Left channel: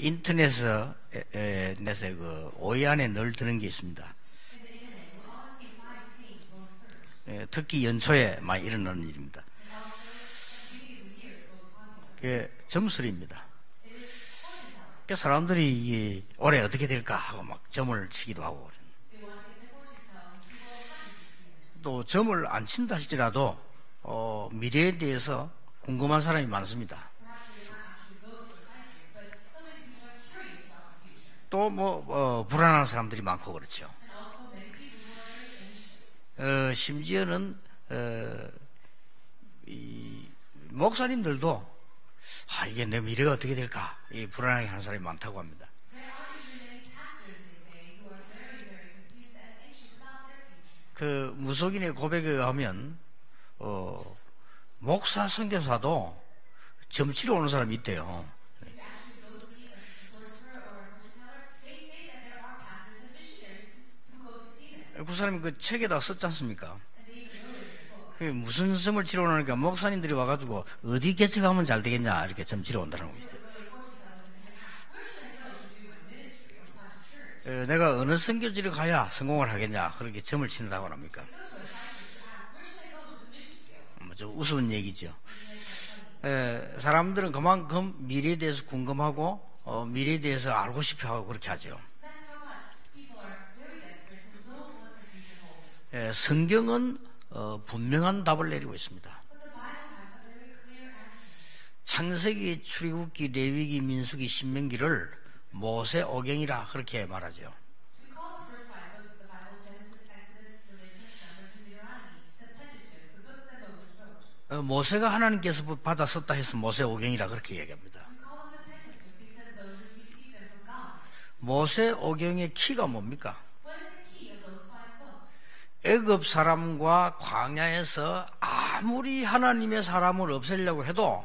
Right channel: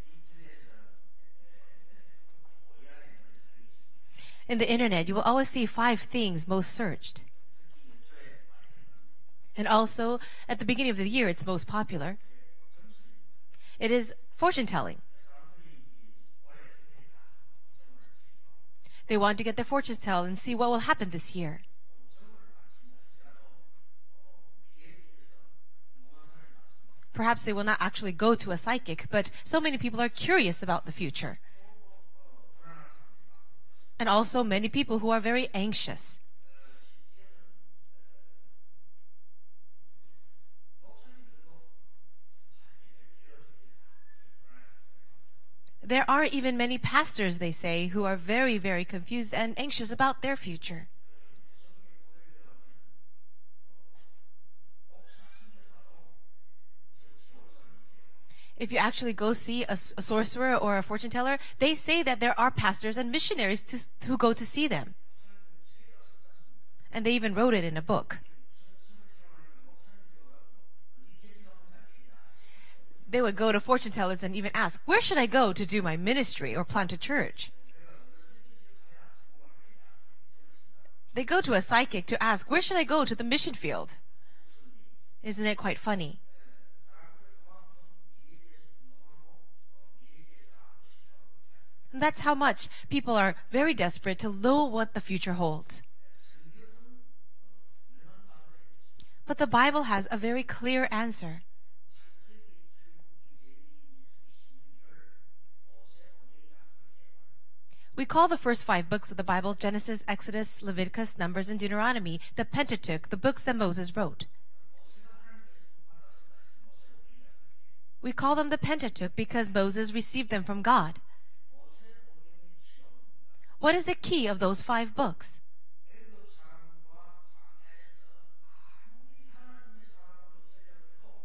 인터넷에서 그 5위 안에 늘 드는 게 있습니다. In the internet, you will always see 5 things most searched. 특히 연초에 많이 일어나는 일입니다. And also, at the beginning of the year, it's most popular. 그게 점술입니다. It is fortune telling. 사람들이 올해 어떻게 될까 하고 막 점을 치기도 하고. They want to get their fortunes told and see what will happen this year. 또 점을 안 친다 할지라도 미래에 대해서 궁금한 사람이 많습니다. Perhaps they will not actually go to a psychic, but so many people are curious about the future. 또 불안한 사람들이 많고 그렇죠. And also many people who are very anxious. 심지어는 이 목사님들도 이게 내 미래가 어떻게 될까 이 불안하게 하는 사람이 많다고 합니다. There are even many pastors, they say, who are very, very confused and anxious about their future. 그 무속인의 고백에 의하면 목사 선교사도 점치러 오는 사람이 있대요. If you actually go see a sorcerer or a fortune teller, they say that there are pastors and missionaries who go to see them. 그 사람이 그 책에다 썼지 않습니까? And they even wrote it in a book. 무슨 점을 치러 오니까 목사님들이 와가지고 어디 개척하면 잘 되겠냐 이렇게 점 치러 온다는 They 거예요. would go to fortune tellers and even ask, where should I go to do my ministry or plant a church? 내가 어느 선교지를 가야 성공을 하겠냐 그렇게 점을 친다고 합니까? They go to a psychic to ask, where should I go to the mission field? 좀 우스운 얘기죠. Isn't it quite funny? 사람들은 그만큼 미래에 대해서 궁금하고 미래에 대해서 알고 싶어하고 그렇게 하죠. That's how much people are very desperate to know what the future holds. 성경은 분명한 답을 내리고 있습니다. But the Bible has a very clear answer. 창세기, 출애굽기, 레위기, 민수기, 신명기를 모세오경이라 그렇게 말하죠. We call the first 5 books of the Bible, Genesis, Exodus, Leviticus, Numbers, and Deuteronomy, the Pentateuch, the books that Moses wrote. 모세가 하나님께서 받아 썼다 해서 모세오경이라 그렇게 얘기합니다. We call them the Pentateuch because Moses received them from God. 모세오경의 키가 뭡니까? What is the key of those 5 books? 애굽 사람과 광야에서 아무리 하나님의 사람을 없애려고 해도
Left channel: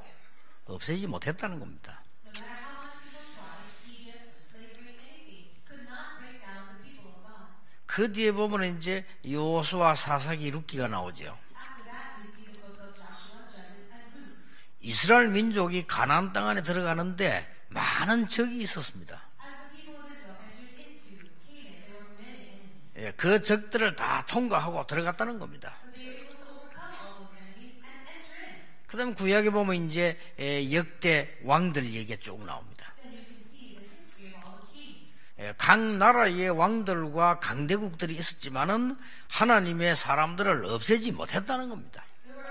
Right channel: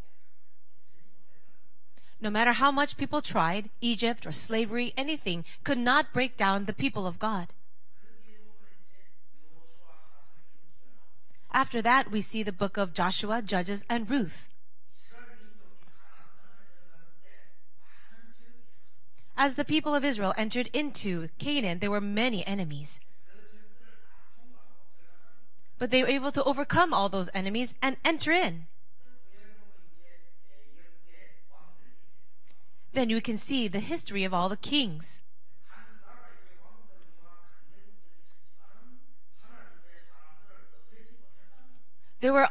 없애지 못했다는 겁니다. No matter how much people tried, Egypt or slavery, anything, could not break down the people of God. 그 뒤에 보면 이제 여호수아, 사사기, 룻기가 나오죠. After that, we see the book of Joshua, Judges, and Ruth. 이스라엘 민족이 가나안 땅 안에 들어가는데 많은 적이 있었습니다. As the people of Israel entered into Canaan, there were many enemies. 그 적들을 다 통과하고 들어갔다는 겁니다. But they were able to overcome all those enemies and enter in. 그다음 구약에 보면 이제 역대 왕들 얘기가 쭉 나옵니다. Then you can see the history of all the kings. 각 나라의 왕들과 강대국들이 있었지만은 하나님의 사람들을 없애지 못했다는 겁니다. There were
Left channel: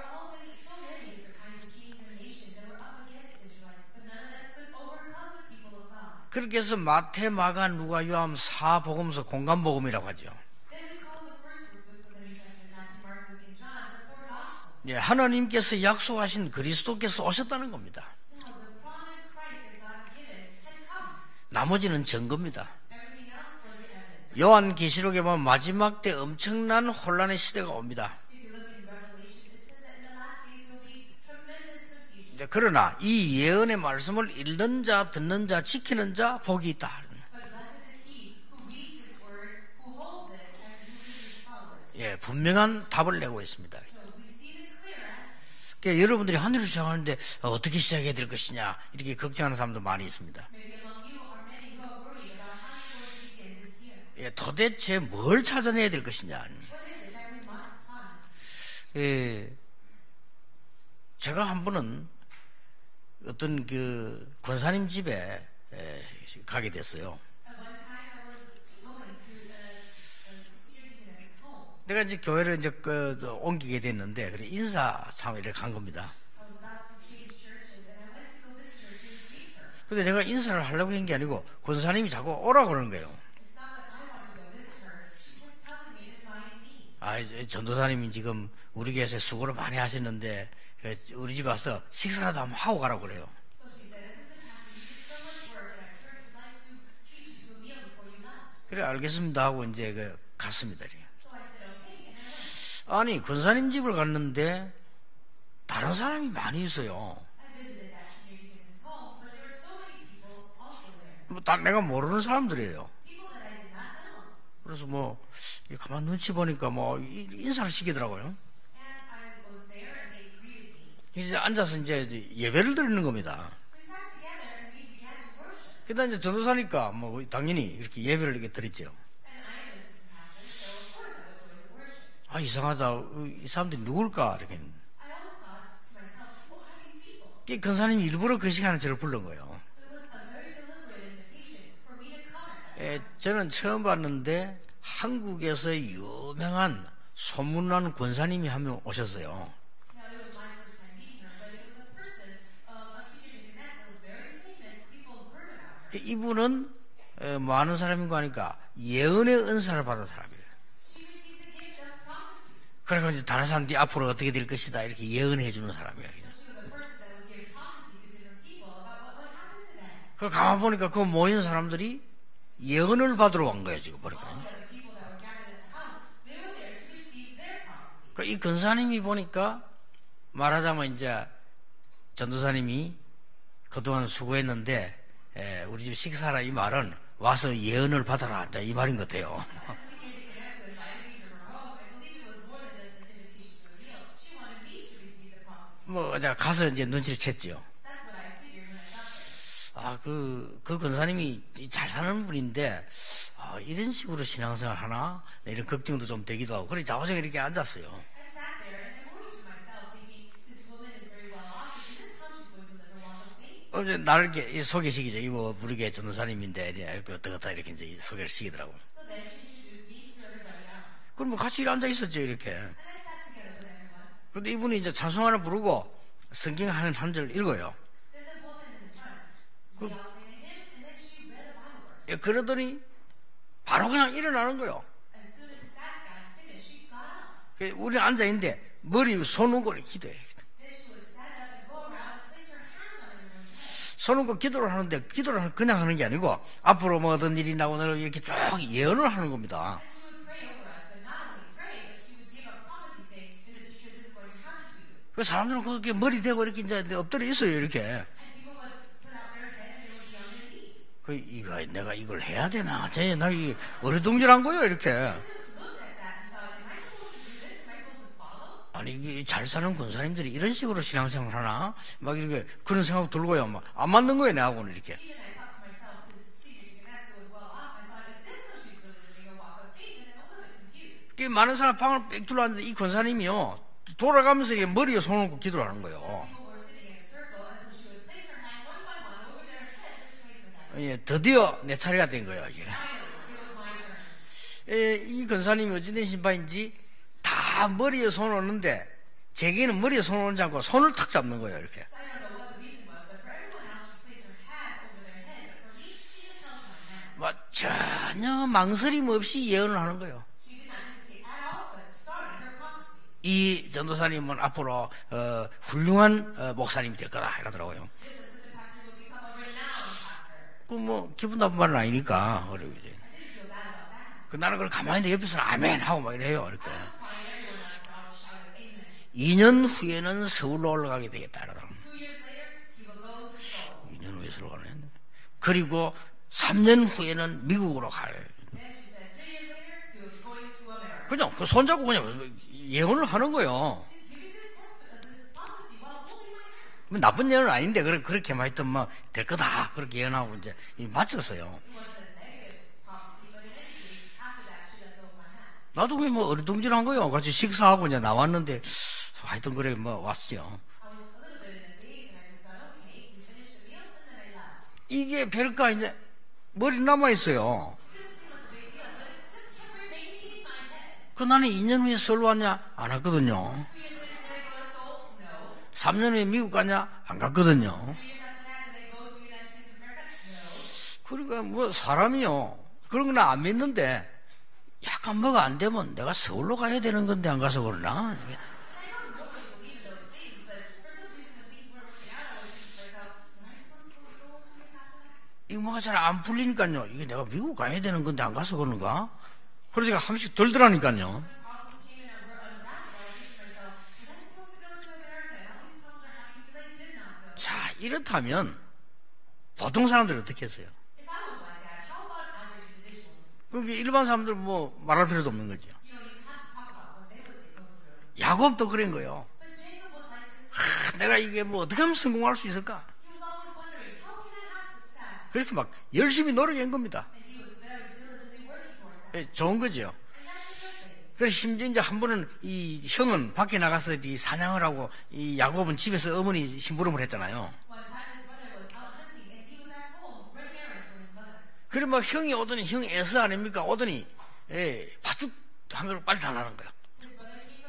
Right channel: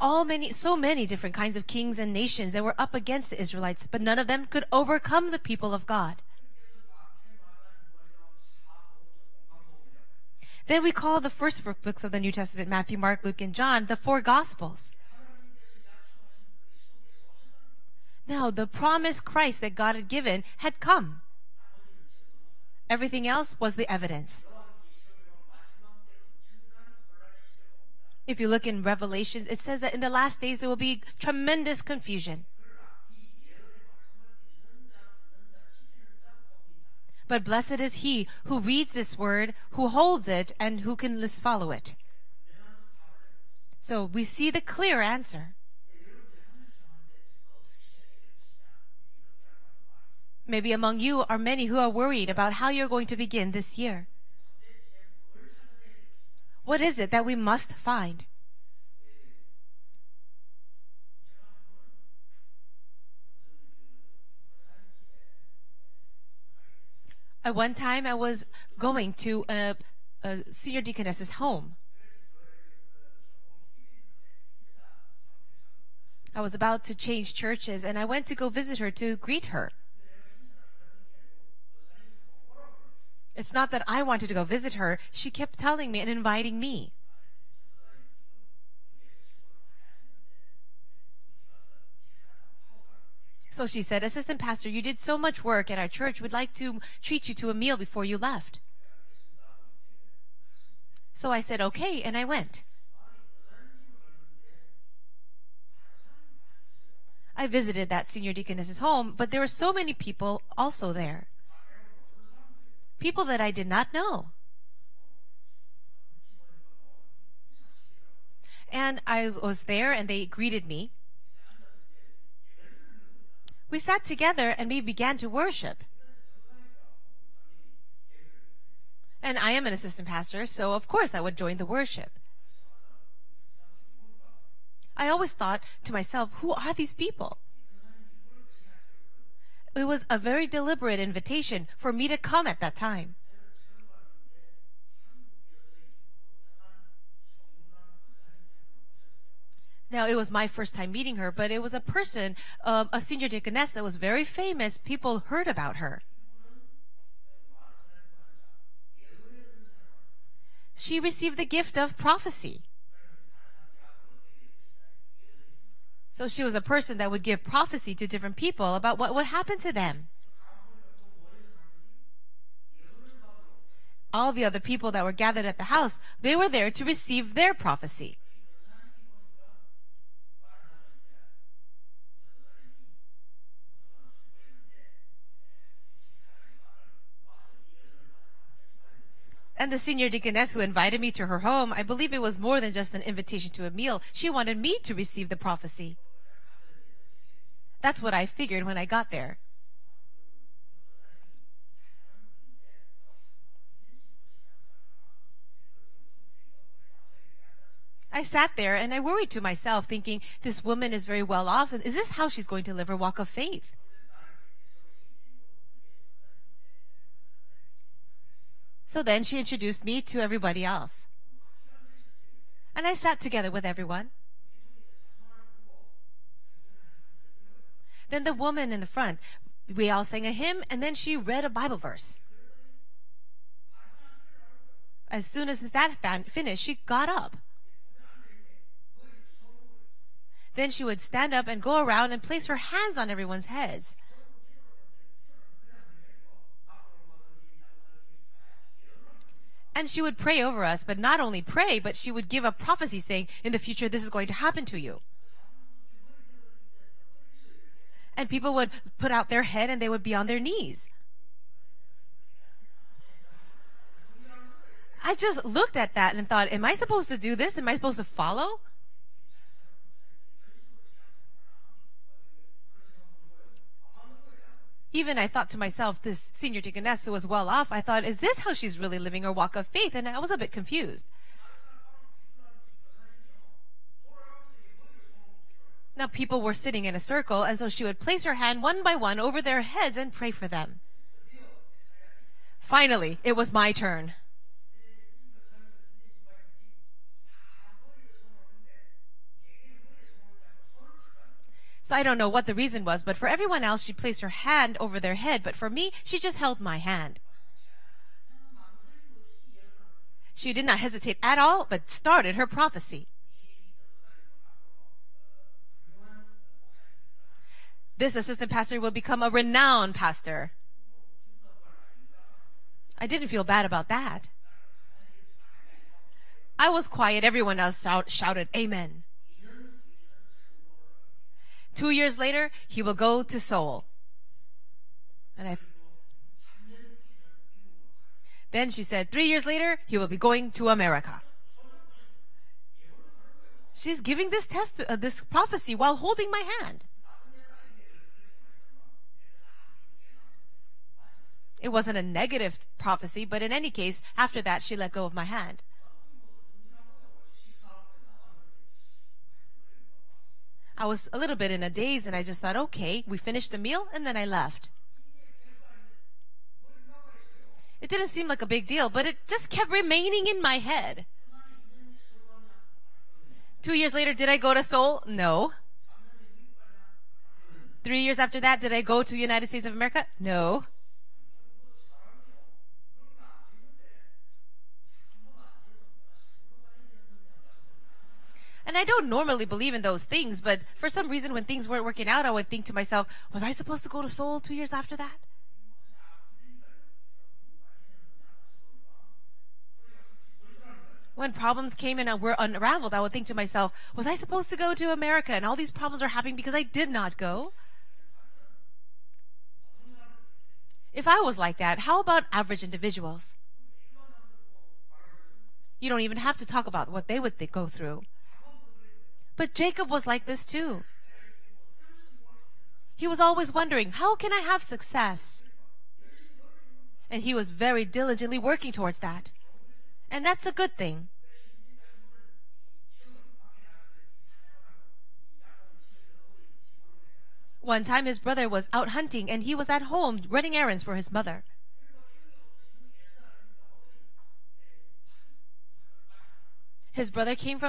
so many different kinds of kings and nations that were up against the Israelites, but none of them could overcome the people of God. 그렇게 해서 마태, 마가, 누가, 요한, 사복음서, 공간복음이라고 하죠. Then we call the first 4 books of the New Testament, Matthew, Mark, Luke, and John, the 4 Gospels. 하나님께서 약속하신 그리스도께서 오셨다는 겁니다. Now, the promised Christ that God had given had come. 나머지는 증거입니다. Everything else was the evidence. 요한 계시록에 보면 마지막 때 엄청난 혼란의 시대가 옵니다. If you look in Revelations, it says that in the last days there will be tremendous confusion. 그러나 이 예언의 말씀을 읽는 자, 듣는 자, 지키는 자 복이 있다. But blessed is he who reads this word, who holds it, and who can follow it. 분명한 답을 내고 있습니다. So we see the clear answer. 그러니까 여러분들이 한 해를 시작하는데 어떻게 시작해야 될 것이냐 이렇게 걱정하는 사람도 많이 있습니다. Maybe among you are many who are worried about how you're going to begin this year. 도대체 뭘 찾아내야 될 것이냐. What is it that we must find? 제가 한 번은 어떤 그 권사님 집에 가게 됐어요. At one time, I was going to a senior deaconess's home. 내가 이제 교회를 이제 옮기게 됐는데 그래 인사 참여를 간 겁니다. I was about to change churches, and I went to go visit her to greet her. 근데 내가 인사를 하려고 한 게 아니고 권사님이 자꾸 오라고 그러는 거예요. It's not that I wanted to go visit her. She kept telling me and inviting me. 전도사님이 지금 우리 교회에서 수고를 많이 하셨는데 우리 집 와서 식사라도 한번 하고 가라고 그래요. So she said, Assistant Pastor, you did so much work at our church. We'd like to treat you to a meal before you left. 그래 알겠습니다 하고 이제 갔습니다. So I said, okay, and I went. 아니 권사님 집을 갔는데 다른 사람이 많이 있어요. I visited that senior deaconess's home, but there were so many people also there. 다 내가 모르는 사람들이에요. People that I did not know. 그래서 가만 눈치 보니까 인사를 시키더라고요. And I was there, and they greeted me. 이제 앉아서 이제 예배를 드리는 겁니다. We sat together and we began to worship. 그다음 이제 전도사니까 뭐 당연히 이렇게 예배를 이렇게 드렸죠. And I am an assistant pastor, so of course I would join the worship. 아 이상하다. 이 사람들이 누굴까 이렇게. I always thought to myself, who are these people? 이 권사님이 일부러 그 시간에 저를 부른 거예요. It was a very deliberate invitation for me to come at that time. 저는 처음 봤는데 한국에서 유명한 소문난 권사님이 한 명 오셨어요. Now, it was my first time meeting her, but it was a person, a senior deaconess that was very famous. People heard about her. 이분은 뭐 아는 사람인가 하니까 예언의 은사를 받은 사람이에요. She received the gift of prophecy. 그러니까 이제 다른 사람들이 앞으로 어떻게 될 것이다 이렇게 예언해 주는 사람이에요. So she was a person that would give prophecy to different people about what would happen to them. 그 가만 보니까 그 모인 사람들이 예언을 받으러 온 거예요 지금. All the other people that were gathered at the house, they were there to receive their prophecy. 이 권사님이 보니까 말하자면 이제 전도사님이 그동안 수고했는데 우리 집 식사라 이 말은 와서 예언을 받아라 이 말인 것 같아요. And the senior deaconess who invited me to her home, I believe it was more than just an invitation to a meal. She wanted me to receive the prophecy. 뭐 제가 가서 이제 눈치를 챘죠. That's what I figured when I got there. 그 권사님이 잘 사는 분인데 이런 식으로 신앙생활 하나 이런 걱정도 좀 되기도 하고 그래서 자화장에 이렇게 앉았어요. I sat there and I worried to myself, thinking, this woman is very well off. Is this how she's going to live her walk of faith? 나를 이렇게 소개시키죠. 이거 우리 교회 전도사님인데 어떻다 이렇게 이제 소개를 시키더라고. So then she introduced me to everybody else. 그럼 뭐 같이 앉아 있었죠 이렇게. And I sat together with everyone. 그런데 이분이 이제 찬송하나 부르고 성경 한 절 읽어요. Then the woman in the front, we all sang a hymn, and then she read a Bible verse. 그러더니 바로 그냥 일어나는 거예요. As soon as that finished, she got up. 우리는 앉아 있는데 머리 손 얹고 기도해. Then she would stand up and go around and place her hands on everyone's head. 손 얹고 기도를 하는데 기도를 그냥 하는 게 아니고 앞으로 뭐 어떤 일이 나오는 이렇게 쭉 예언을 하는 겁니다. And she would pray over us, but not only pray, but she would give a prophecy saying, in the future this is going to happen to you. 그 사람들은 그렇게 머리 대고 이렇게 이제 엎드려 있어요 이렇게. And people would put out their head and they would be on their knees. 이거 내가 이걸 해야 되나? 나 이 어리둥절한 거요 이렇게. I just looked at that and thought, am I supposed to do this? Am I supposed to follow? 아니 이게 잘 사는 권사님들이 이런 식으로 신앙생활 하나? 막 이렇게 그런 생각 들고요. 막 안 맞는 거예요 내하고는 이렇게. Even I thought to myself, this senior deaconess who was well off, I thought, is this how she's really living her walk of faith? And I was a bit confused. 많은 사람 방을 빽 둘러앉는데 이 권사님이요. 돌아가면서 머리에 손을 얹고 기도를 하는 거예요. Now people were sitting in a circle, and so she would place her hand one by one over their heads and pray for them. 예, 드디어 내 차례가 된 거예요. 이제. Finally, it was my turn. 이 권사님이 어찌된 신파인지 다 머리에 손을 얹는데 제게는 머리에 손을 얹지 않고 손을 탁 잡는 거예요. 이렇게. So I don't know what the reason was, but for everyone else, she placed her hand over their head. But for me, she just held my hand. 전혀 망설임 없이 예언을 하는 거예요. She did not hesitate at all, but started her prophecy. 이 전도사님은 앞으로 훌륭한 목사님이 될 거다 이러더라고요. This assistant pastor will become a renowned pastor. 뭐 기분 나쁜 말은 아니니까. I didn't feel bad about that. 나는 그걸 가만히 있는데 옆에서는 아멘 하고 막 이래요. I was quiet. Everyone else shouted amen. 2년 후에는 서울로 올라가게 되겠다 이러더라고요. 2 years later, he will go to Seoul. 2년 후에 서울 가네. 그리고 3년 후에는 미국으로 가요. Then she said 3 years later, he will be going to America. 그냥 그 손잡고 그냥 예언을 하는 거예요. She's giving this this prophecy while holding my hand. 나쁜 예언은 아닌데 그렇게만 했던 될 거다 그렇게 예언하고 이제 마쳤어요. It wasn't a negative prophecy, but in any case, after that, she let go of my hand. 나중에 어리둥절한 거예요. 같이 식사하고 이제 나왔는데 하여튼 그래 왔어요. I was a little bit in a daze, and I just thought, okay, we finished the meal, and then I left. 이게 별까 이제 머리 남아 있어요. It didn't seem like a big deal, but it just kept remaining in my head. 나는 2년 후에 서울 왔냐? 안 왔거든요. 2 years later, did I go to Seoul? No. 3년 후에 미국 갔냐? 안 갔거든요. 3 years after that, did I go to the United States of America? No. 그러니까 사람이요. 그런 건 안 믿는데 약간 뭐가 안 되면 내가 서울로 가야 되는 건데 안 가서 그러나? And I don't normally believe in those things, but for some reason, when things weren't working out, I would think to myself, was I supposed to go to Seoul 2 years after that? 이거 뭐가 잘 안 풀리니까요. 이게 내가 미국 가야 되는 건데 안 가서 그런가? 그래서 제가 한 번씩 들더라니까요. When problems came and were unraveled, I would think to myself, was I supposed to go to America? And all these problems are happening because I did not go. 자, 이렇다면 보통 사람들은 어떻게 했어요? If I was like that, how about average individuals? 그게 일반 사람들 뭐 말할 필요도 없는 거죠. You don't even have to talk about what they would go through. 야곱도 그런 거예요. But Jacob was like this too. 내가 이게 뭐 어떻게 하면 성공할 수 있을까? He was always wondering, how can I have success? 그렇게 막 열심히 노력한 겁니다. And he was very diligently working towards that. 좋은 거죠. And that's a good thing. 그래서 심지어 이제 한 번은 이 형은 밖에 나가서 이 사냥을 하고 이 야곱은 집에서 어머니 심부름을 했잖아요. One time his brother was out hunting and he was at home running errands for his mother. 그래 막 형이 오더니 형 에서 아닙니까? 오더니 팥죽 한 걸 빨리 달라는 거야. His brother came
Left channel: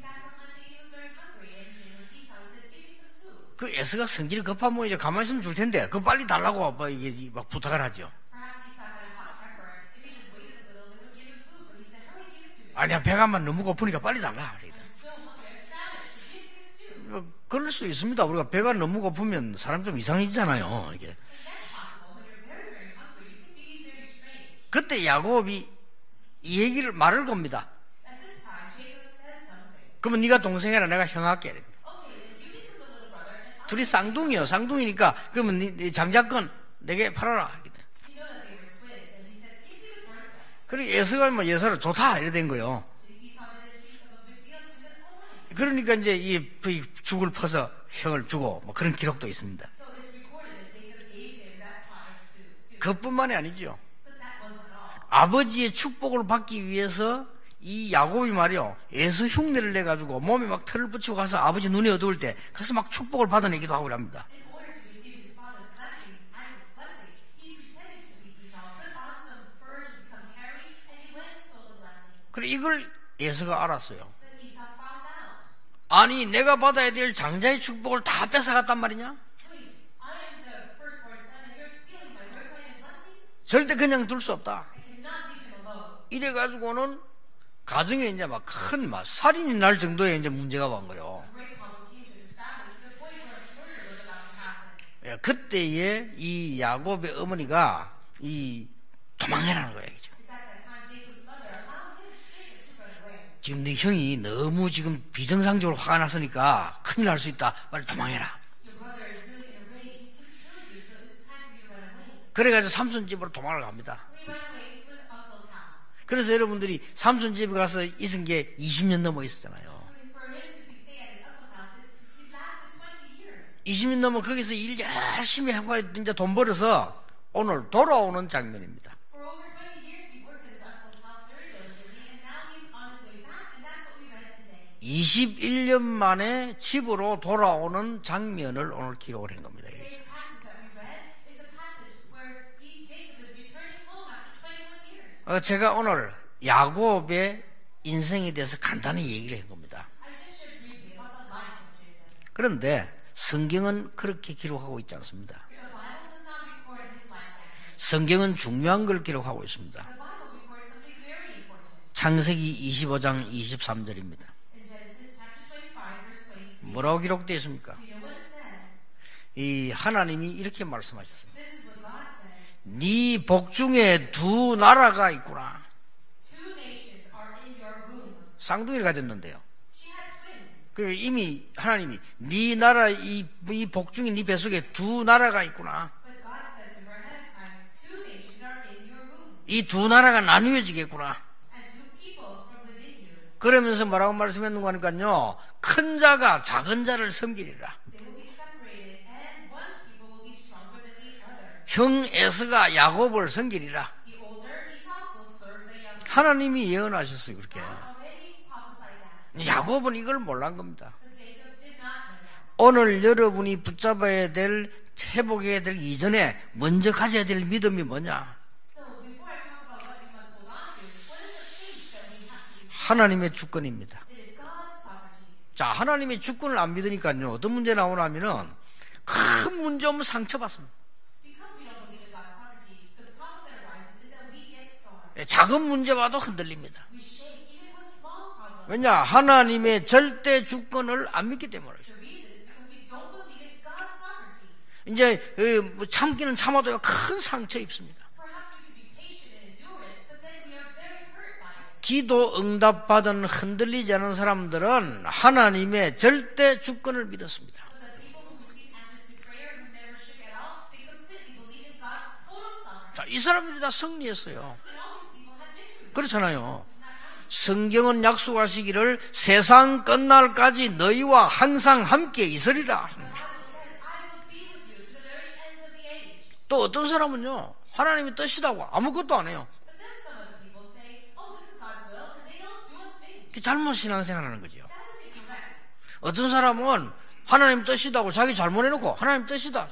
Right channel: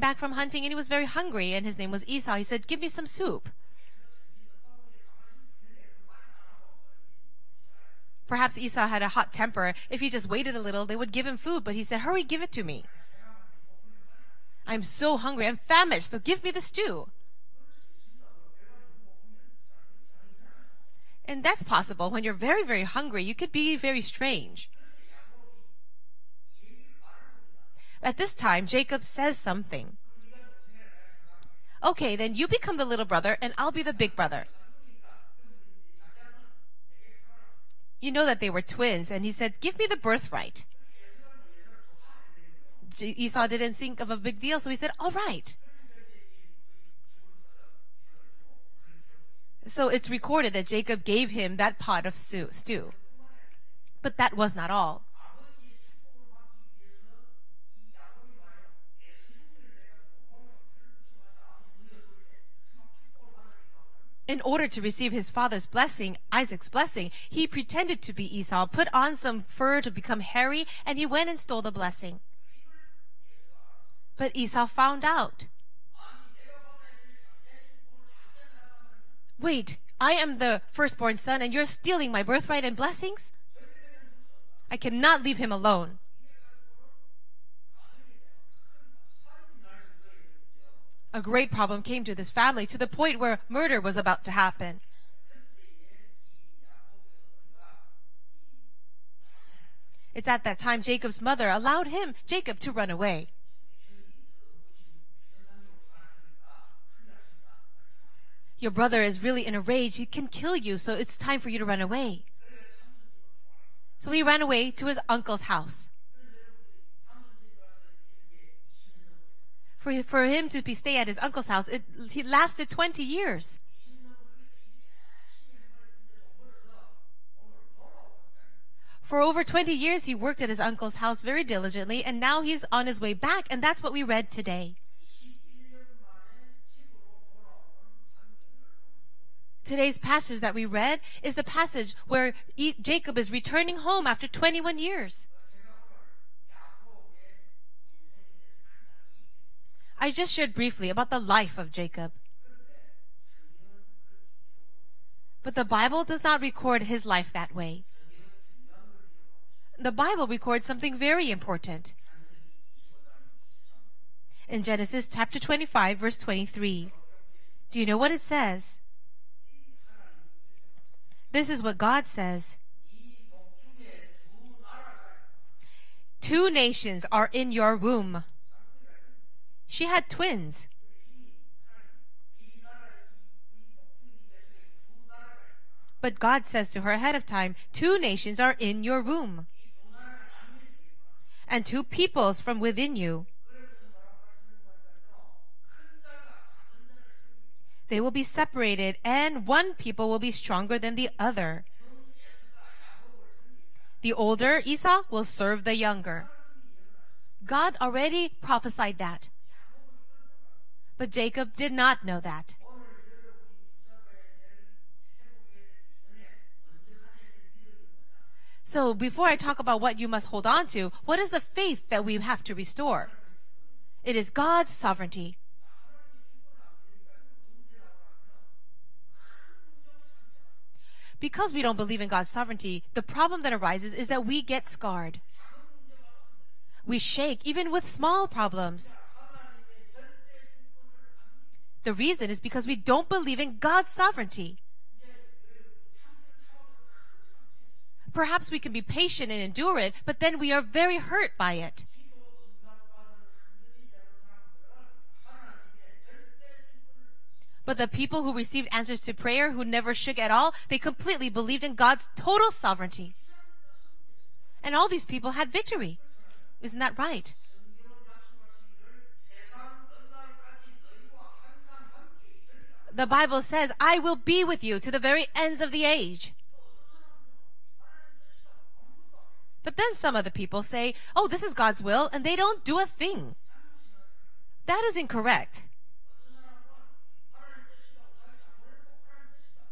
back from hunting and he was very hungry and his name was Esau. He said, "Give me some soup." 그 에서가 성질이 급한 모양이죠. 가만히 있으면 줄 텐데 그거 빨리 달라고 아빠 이게 막 부탁을 하죠. Perhaps Esau had a hot temper. If he just waited a little, they would give him food. But he said, "Hurry, give it to me. 아니야 배가만 너무 고프니까 빨리 달라. I'm so hungry. I'm famished. So give me the stew." 그럴 수 있습니다. 우리가 배가 너무 고프면 사람 좀 이상해지잖아요. 이게. And that's possible. When you're very, very hungry, you could be very strange. 그때 야곱이 이 얘기를 말을 겁니다. At this time, Jacob says something. 그러면 네가 동생이라 내가 형 할게. Okay, then you become the little brother and I'll be 둘이 the big 쌍둥이요. brother. 쌍둥이니까 그러면 네 장자권 내게 팔아라. You know that they were twins, and he said, "Give me the birthright." 그리고 에서가 뭐 예서를 좋다 이래 된 거요. Esau didn't think of a big deal, so he said, "All right." 그러니까 이제 이 죽을 퍼서 형을 주고 뭐 그런 기록도 있습니다. So it's recorded that Jacob gave him that pot of stew. 그뿐만이 아니죠. But that was not all. 아버지의 축복을 받기 위해서 이 야곱이 말이요 에서 흉내를 내 가지고 몸에 막 털을 붙이고 가서 아버지 눈이 어두울 때 가서 막 축복을 받아내기도 하고 합니다. In order to receive his father's blessing, Isaac's blessing, he pretended to be Esau, put on some fur to become hairy, and he went and stole the blessing. 그래 이걸 에서가 알았어요. But Esau found out. 아니 내가 받아야 될 장자의 축복을 다 뺏어갔단 말이냐? Wait, I am the firstborn son, and you're stealing my birthright and blessings? 절대 그냥 둘 수 없다. I cannot leave him alone. 이래 가지고는 가정에 이제 막 큰 살인이 날 정도의 이제 문제가 온 거예요. A great problem came to this family to the point where murder was about to happen. 그때에 이 야곱의 어머니가 이 도망해라는 거예요. It's at that time Jacob's mother allowed Jacob to run away. 지금 네 형이 너무 지금 비정상적으로 화가 났으니까 큰일 날 수 있다. 빨리 도망해라. Your brother is really in a rage. He can kill you, so it's time for you to run away. 그래가지고 삼손 집으로 도망을 갑니다. So he ran away to his uncle's house. 그래서 여러분들이 삼손 집에 가서 있은 게 20년 넘어 있었잖아요. For him to stay at his uncle's house, he lasted 20 years. 20년 넘어 거기서 일 열심히 하고 이제 돈 벌어서 오늘 돌아오는 장면입니다. For over 20 years, he worked at his uncle's house very diligently, and now he's on his way back, and that's what we read today. 21년 만에 집으로 돌아오는 장면을 오늘 기록을 한 겁니다. Today's passage that we read is the passage where Jacob is returning home after 21 years. 제가 오늘 야곱의 인생에 대해서 간단히 얘기를 한 겁니다. I just shared briefly about the life of Jacob. 그런데 성경은 그렇게 기록하고 있지 않습니다. But the Bible does not record his life that way. 성경은 중요한 걸 기록하고 있습니다. The Bible records something very important. 창세기 25장 23절입니다. In Genesis chapter 25, verse 23. 뭐라고 기록되어 있습니까? Do you know what it says? 이 하나님이 이렇게 말씀하셨어요. This is what God says. 네 복중에 두 나라가 있구나. Two nations are in your womb. 쌍둥이를 가졌는데요. She had twins. 그 이미 하나님이 네 나라 이 복중에 네 뱃속에 두 나라가 있구나. But God says to her ahead of time, two nations are in your womb. 이 두 나라가 나뉘어지겠구나. And two peoples from within you. 그러면서 뭐라고 말씀했는가 하니까요. 큰 자가 작은 자를 섬기리라. They will be separated, and one people will be stronger than the other. 형 에서가 야곱을 섬기리라. The older Esau will serve the younger. 하나님이 예언하셨어요. 그렇게. God already prophesied that. 야곱은 이걸 몰란 겁니다. But Jacob did not know that. 오늘 여러분이 붙잡아야 될 회복해야 될 이전에 먼저 가져야 될 믿음이 뭐냐? So before I talk about what you must hold on to, what is the faith that we have to restore? 하나님의 주권입니다. It is God's sovereignty. 자, 하나님의 주권을 안 믿으니까요. 어떤 문제 나오냐면은 큰 문제 오면 상처받습니다. Because we don't believe in God's sovereignty, the problem that arises is that we get scarred. 작은 문제 봐도 흔들립니다. We shake even with small problems. 왜냐? 하나님의 절대 주권을 안 믿기 때문에. The reason is because we don't believe in God's sovereignty. 이제 참기는 참아도요 큰 상처 입습니다. Perhaps we can be patient and endure it, but then we are very hurt by it. 기도 응답받은 흔들리지 않은 사람들은 하나님의 절대 주권을 믿었습니다. But the people who received answers to prayer, who never shook at all, they completely believed in God's total sovereignty. 이 사람들이 다 승리했어요. And all these people had victory. 그렇잖아요. Isn't that right? 성경은 약속하시기를 세상 끝날까지 너희와 항상 함께 있으리라. The Bible says, I will be with you to the very ends of the age. 또 어떤 사람은요, 하나님의 뜻이라고 아무것도 안 해요. But then some other people say, oh, this is God's will, and they don't do a thing. 잘못 신앙생활하는 거죠. That is incorrect. 어떤 사람은 하나님 뜻이다고 자기 잘못해놓고 하나님 뜻이다.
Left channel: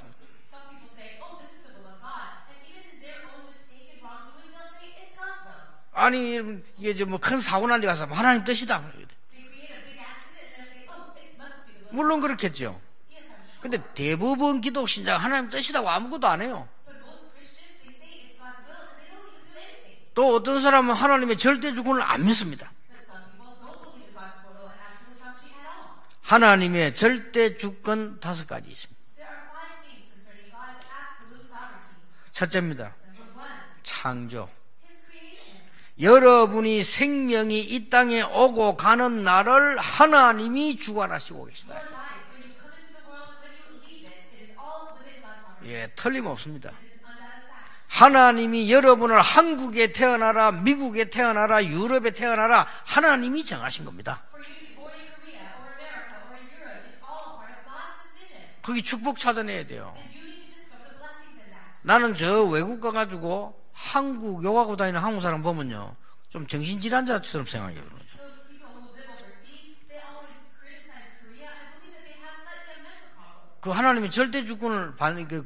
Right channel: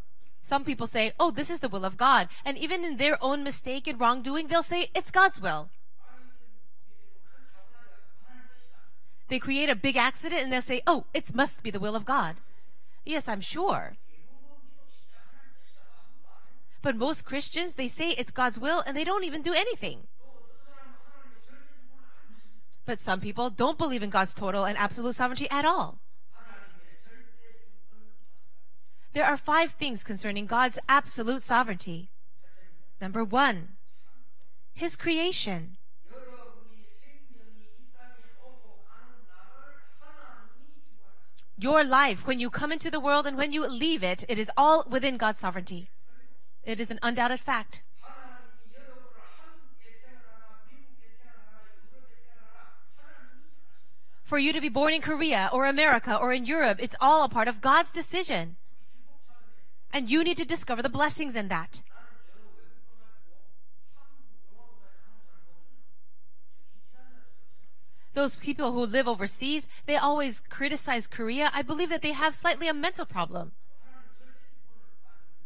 Some people say, oh, this is the will of God. And even in their own mistake and wrongdoing, they'll say, it's God's will. 아니 이게 뭐 큰 사고 난 데 가서 하나님 뜻이다. They create a big accident and they'll say, oh, it must be the will of 물론 God. 그렇겠죠. Yes, I'm sure. 근데 대부분 기독 신자가 하나님 뜻이다고 아무것도 안 해요. But most Christians, they say it's God's will and they don't even do anything. 또 어떤 사람은 하나님의 절대 주권을 안 믿습니다. But some people don't believe in God's total and absolute sovereignty at all. 하나님의 절대 주권 5가지 있습니다. There are 5 things concerning God's absolute sovereignty. 첫째입니다. Number 1, 창조. His creation. 여러분이 생명이 이 땅에 오고 가는 날을 하나님이 주관하시고 계십니다. Your life, when you come into the world and when you leave it, it is all within God's sovereignty. 예, 틀림없습니다. It is an undoubted fact. 하나님이 여러분을 한국에 태어나라, 미국에 태어나라, 유럽에 태어나라 하나님이 정하신 겁니다. For you to be born in Korea or America or in Europe, it's all a part of God's decision. 거기 축복 찾아내야 돼요. And you need to discover the blessings in that. 나는 저 외국 가가지고 한국 욕하고 다니는 한국 사람 보면요, 좀 정신질환자처럼 생각해요. Those people who live overseas, they always criticize Korea. I believe that they have slightly a mental problem. 그 하나님의 절대 주권을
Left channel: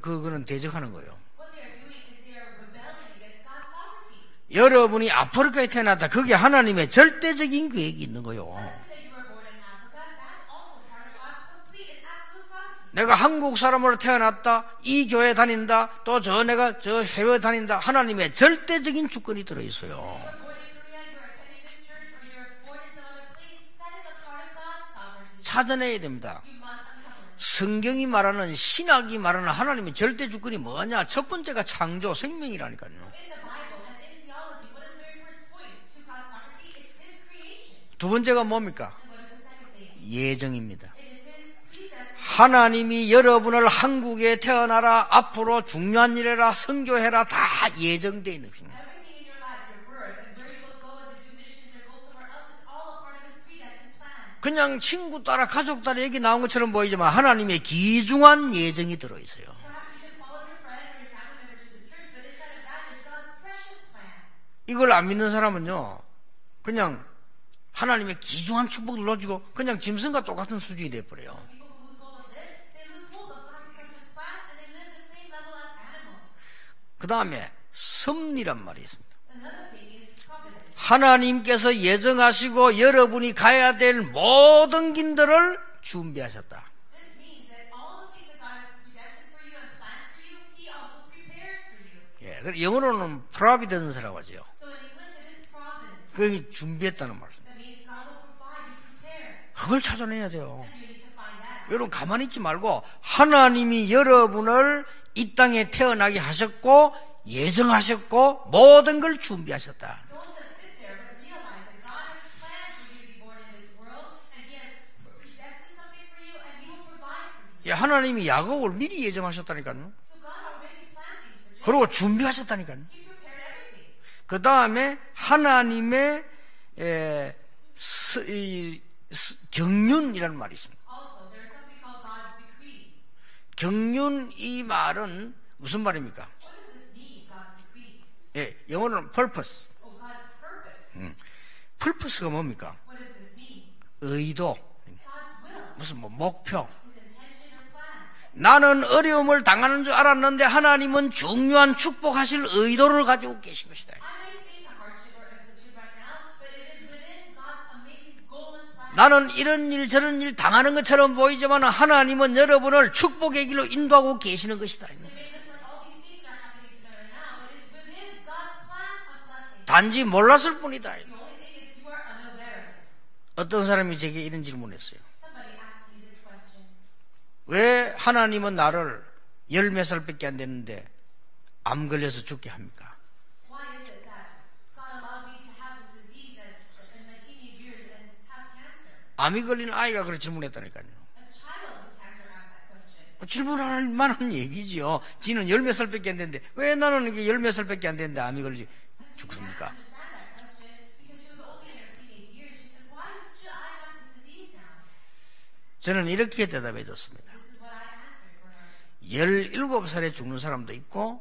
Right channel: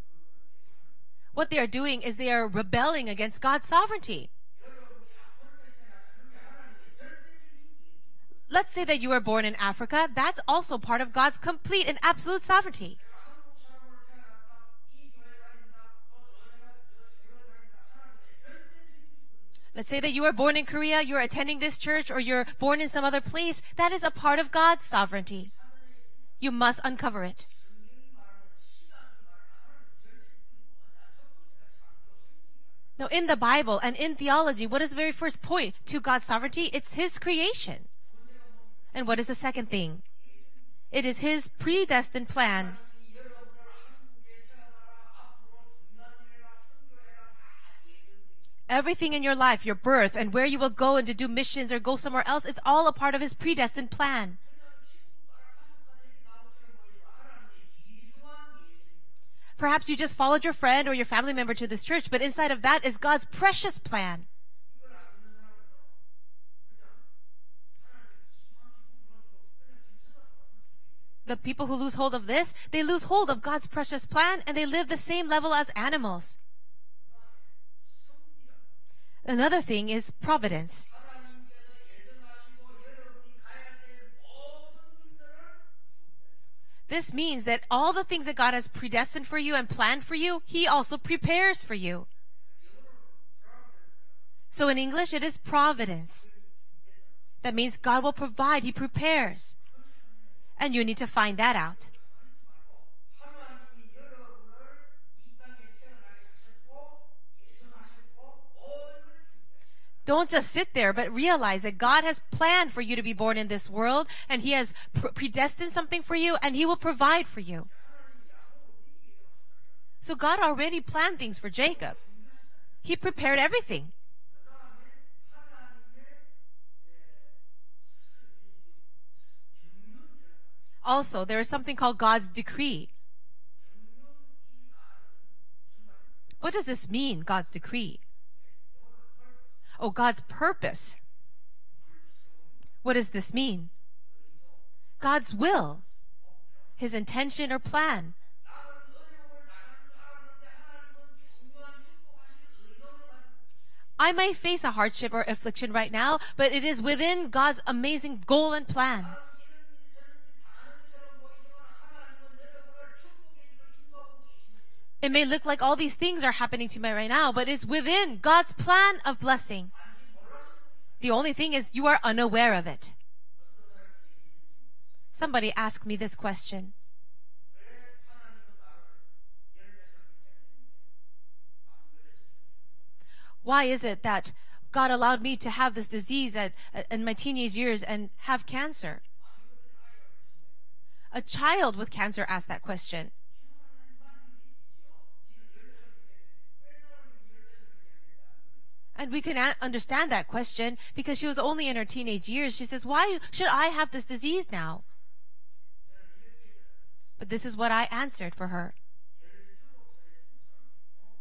그거는 대적하는 거예요. What they are doing is they are rebelling against God's sovereignty. 여러분이 아프리카에 태어났다. 그게 하나님의 절대적인 계획이 있는 거예요. Let's say that you were born in Africa. That's also part of God's complete and absolute sovereignty. 내가 한국 사람으로 태어났다. 이 교회 다닌다. 또 내가 저 해외 다닌다. 하나님의 절대적인 주권이 들어있어요. Let's say that you were born in Korea, you're attending this church, or you're born in some other place. That is a part of God's sovereignty. 찾아내야 됩니다. You must uncover it. 성경이 말하는, 신학이 말하는 하나님의 절대 주권이 뭐냐? 첫 번째가 창조, 생명이라니까요. Now, in the Bible and in theology, what is the very first point to God's sovereignty? It's His creation. 두 번째가 뭡니까? And what is the second thing? 예정입니다. It is His predestined plan. 하나님이 여러분을 한국에 태어나라, 앞으로 중요한 일해라, 선교해라, 다 예정되어 있는 것입니다. Everything in your life, your birth, and where you will go and to do missions or go somewhere else, it's all a part of His predestined plan. 그냥 친구 따라 가족 따라 얘기 나온 것처럼 보이지만 하나님의 귀중한 예정이 들어있어요. Perhaps you just followed your friend or your family member to this church, but inside of that is God's precious plan. 이걸 안 믿는 사람은요, 그냥 하나님의 귀중한 축복을 놓치고 그냥 짐승과 똑같은 수준이 돼버려요. The people who lose hold of this, they lose hold of God's precious plan and they live the same level as animals. 그 다음에 섭리란 말이 있습니다. Another thing is providence. 하나님께서 예정하시고 여러분이 가야 될 모든 길들을 준비하셨다. This means that all the things that God has predestined for you and planned for you, He also prepares for you. 예, 영어로는 providence라고 하죠. So in English, it is providence. 그게 준비했다는 말이죠. That means God will provide, He prepares. 그걸 찾아내야 돼요. And you need to find that out. 여러분 가만히 있지 말고 하나님이 여러분을 이 땅에 태어나게 하셨고 예정하셨고 모든 걸 준비하셨다. Don't just sit there, but realize that God has planned for you to be born in this world, and He has predestined something for you, and He will provide for you. 예, 하나님이 야곱을 미리 예정하셨다니까요. So God already planned things for 그리고 Jacob. 준비하셨다니까요. He prepared everything. 그 다음에 하나님의 경륜이라는 말이 있습니다. Also, there is something called God's decree. 경륜 이 말은 무슨 말입니까? What does this mean, God's decree? 예, 영어로는 purpose. Oh, God's purpose. purpose가 뭡니까? What does this mean? 의도, God's will, 무슨 목표. His intention or plan. 나는 어려움을 당하는 줄 알았는데 하나님은 중요한 축복하실 의도를 가지고 계신 것이다. I might face a hardship or affliction right now, but it is within God's amazing goal and plan. 나는 이런 일 저런 일 당하는 것처럼 보이지만 하나님은 여러분을 축복의 길로 인도하고 계시는 것이다. It may look like all these things are happening to me right now, but it's within God's plan of blessing. 단지 몰랐을 뿐이다. The only thing is you are unaware of it. 어떤 사람이 제게 이런 질문을 했어요. Somebody asked me this question. 왜 하나님은 나를 10몇 살밖에 안 됐는데 암 걸려서 죽게 합니까? Why is it that God allowed me to have this disease in my teenage years and have cancer? 암이 걸린 아이가 그렇게 질문했다니까요. A child with cancer asked that question. 질문할 만한 얘기지요. 지는 열 몇 살밖에 안 됐는데 왜 나는 이게 열 몇 살밖에 안 됐는데 암이 걸리지? And we can understand that question because she was only in her teenage years. She says, why should I have this disease now? 저는 이렇게 대답해 줬습니다. But this is what I answered for her. 17살에 죽는 사람도 있고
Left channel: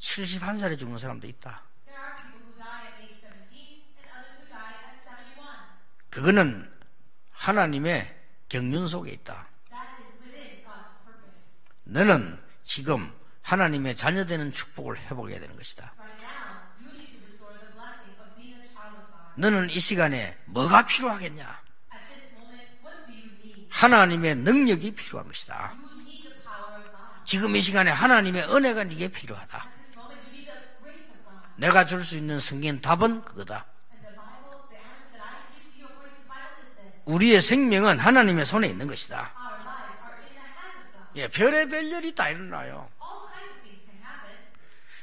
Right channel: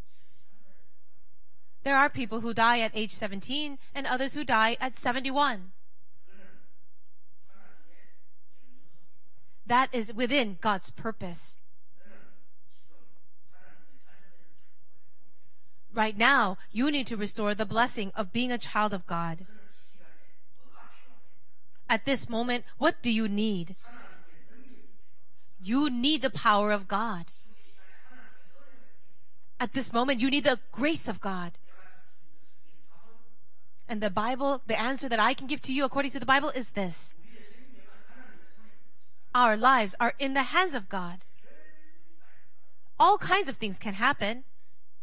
71살에 죽는 사람도 있다. There are people who die at age 17 and others who die at 71. 그거는 하나님의 경륜 속에 있다. That is within God's purpose. 너는 지금 하나님의 자녀되는 축복을 회복해야 되는 것이다. Right now, you need to restore the blessing of being a child of God. 너는 이 시간에 뭐가 필요하겠냐? At this moment, what do you need? 하나님의 능력이 필요한 것이다. You need the power of God. 지금 이 시간에 하나님의 은혜가 네게 필요하다. At this moment, you need the grace of God. 내가 줄 수 있는 성경 답은 그거다. And the Bible, the answer that I can give to you according to the Bible is this. 우리의 생명은 하나님의 손에 있는 것이다. Our lives are in the hands of God. 예, 별의별 일이 다 일어나요. All kinds of things can happen.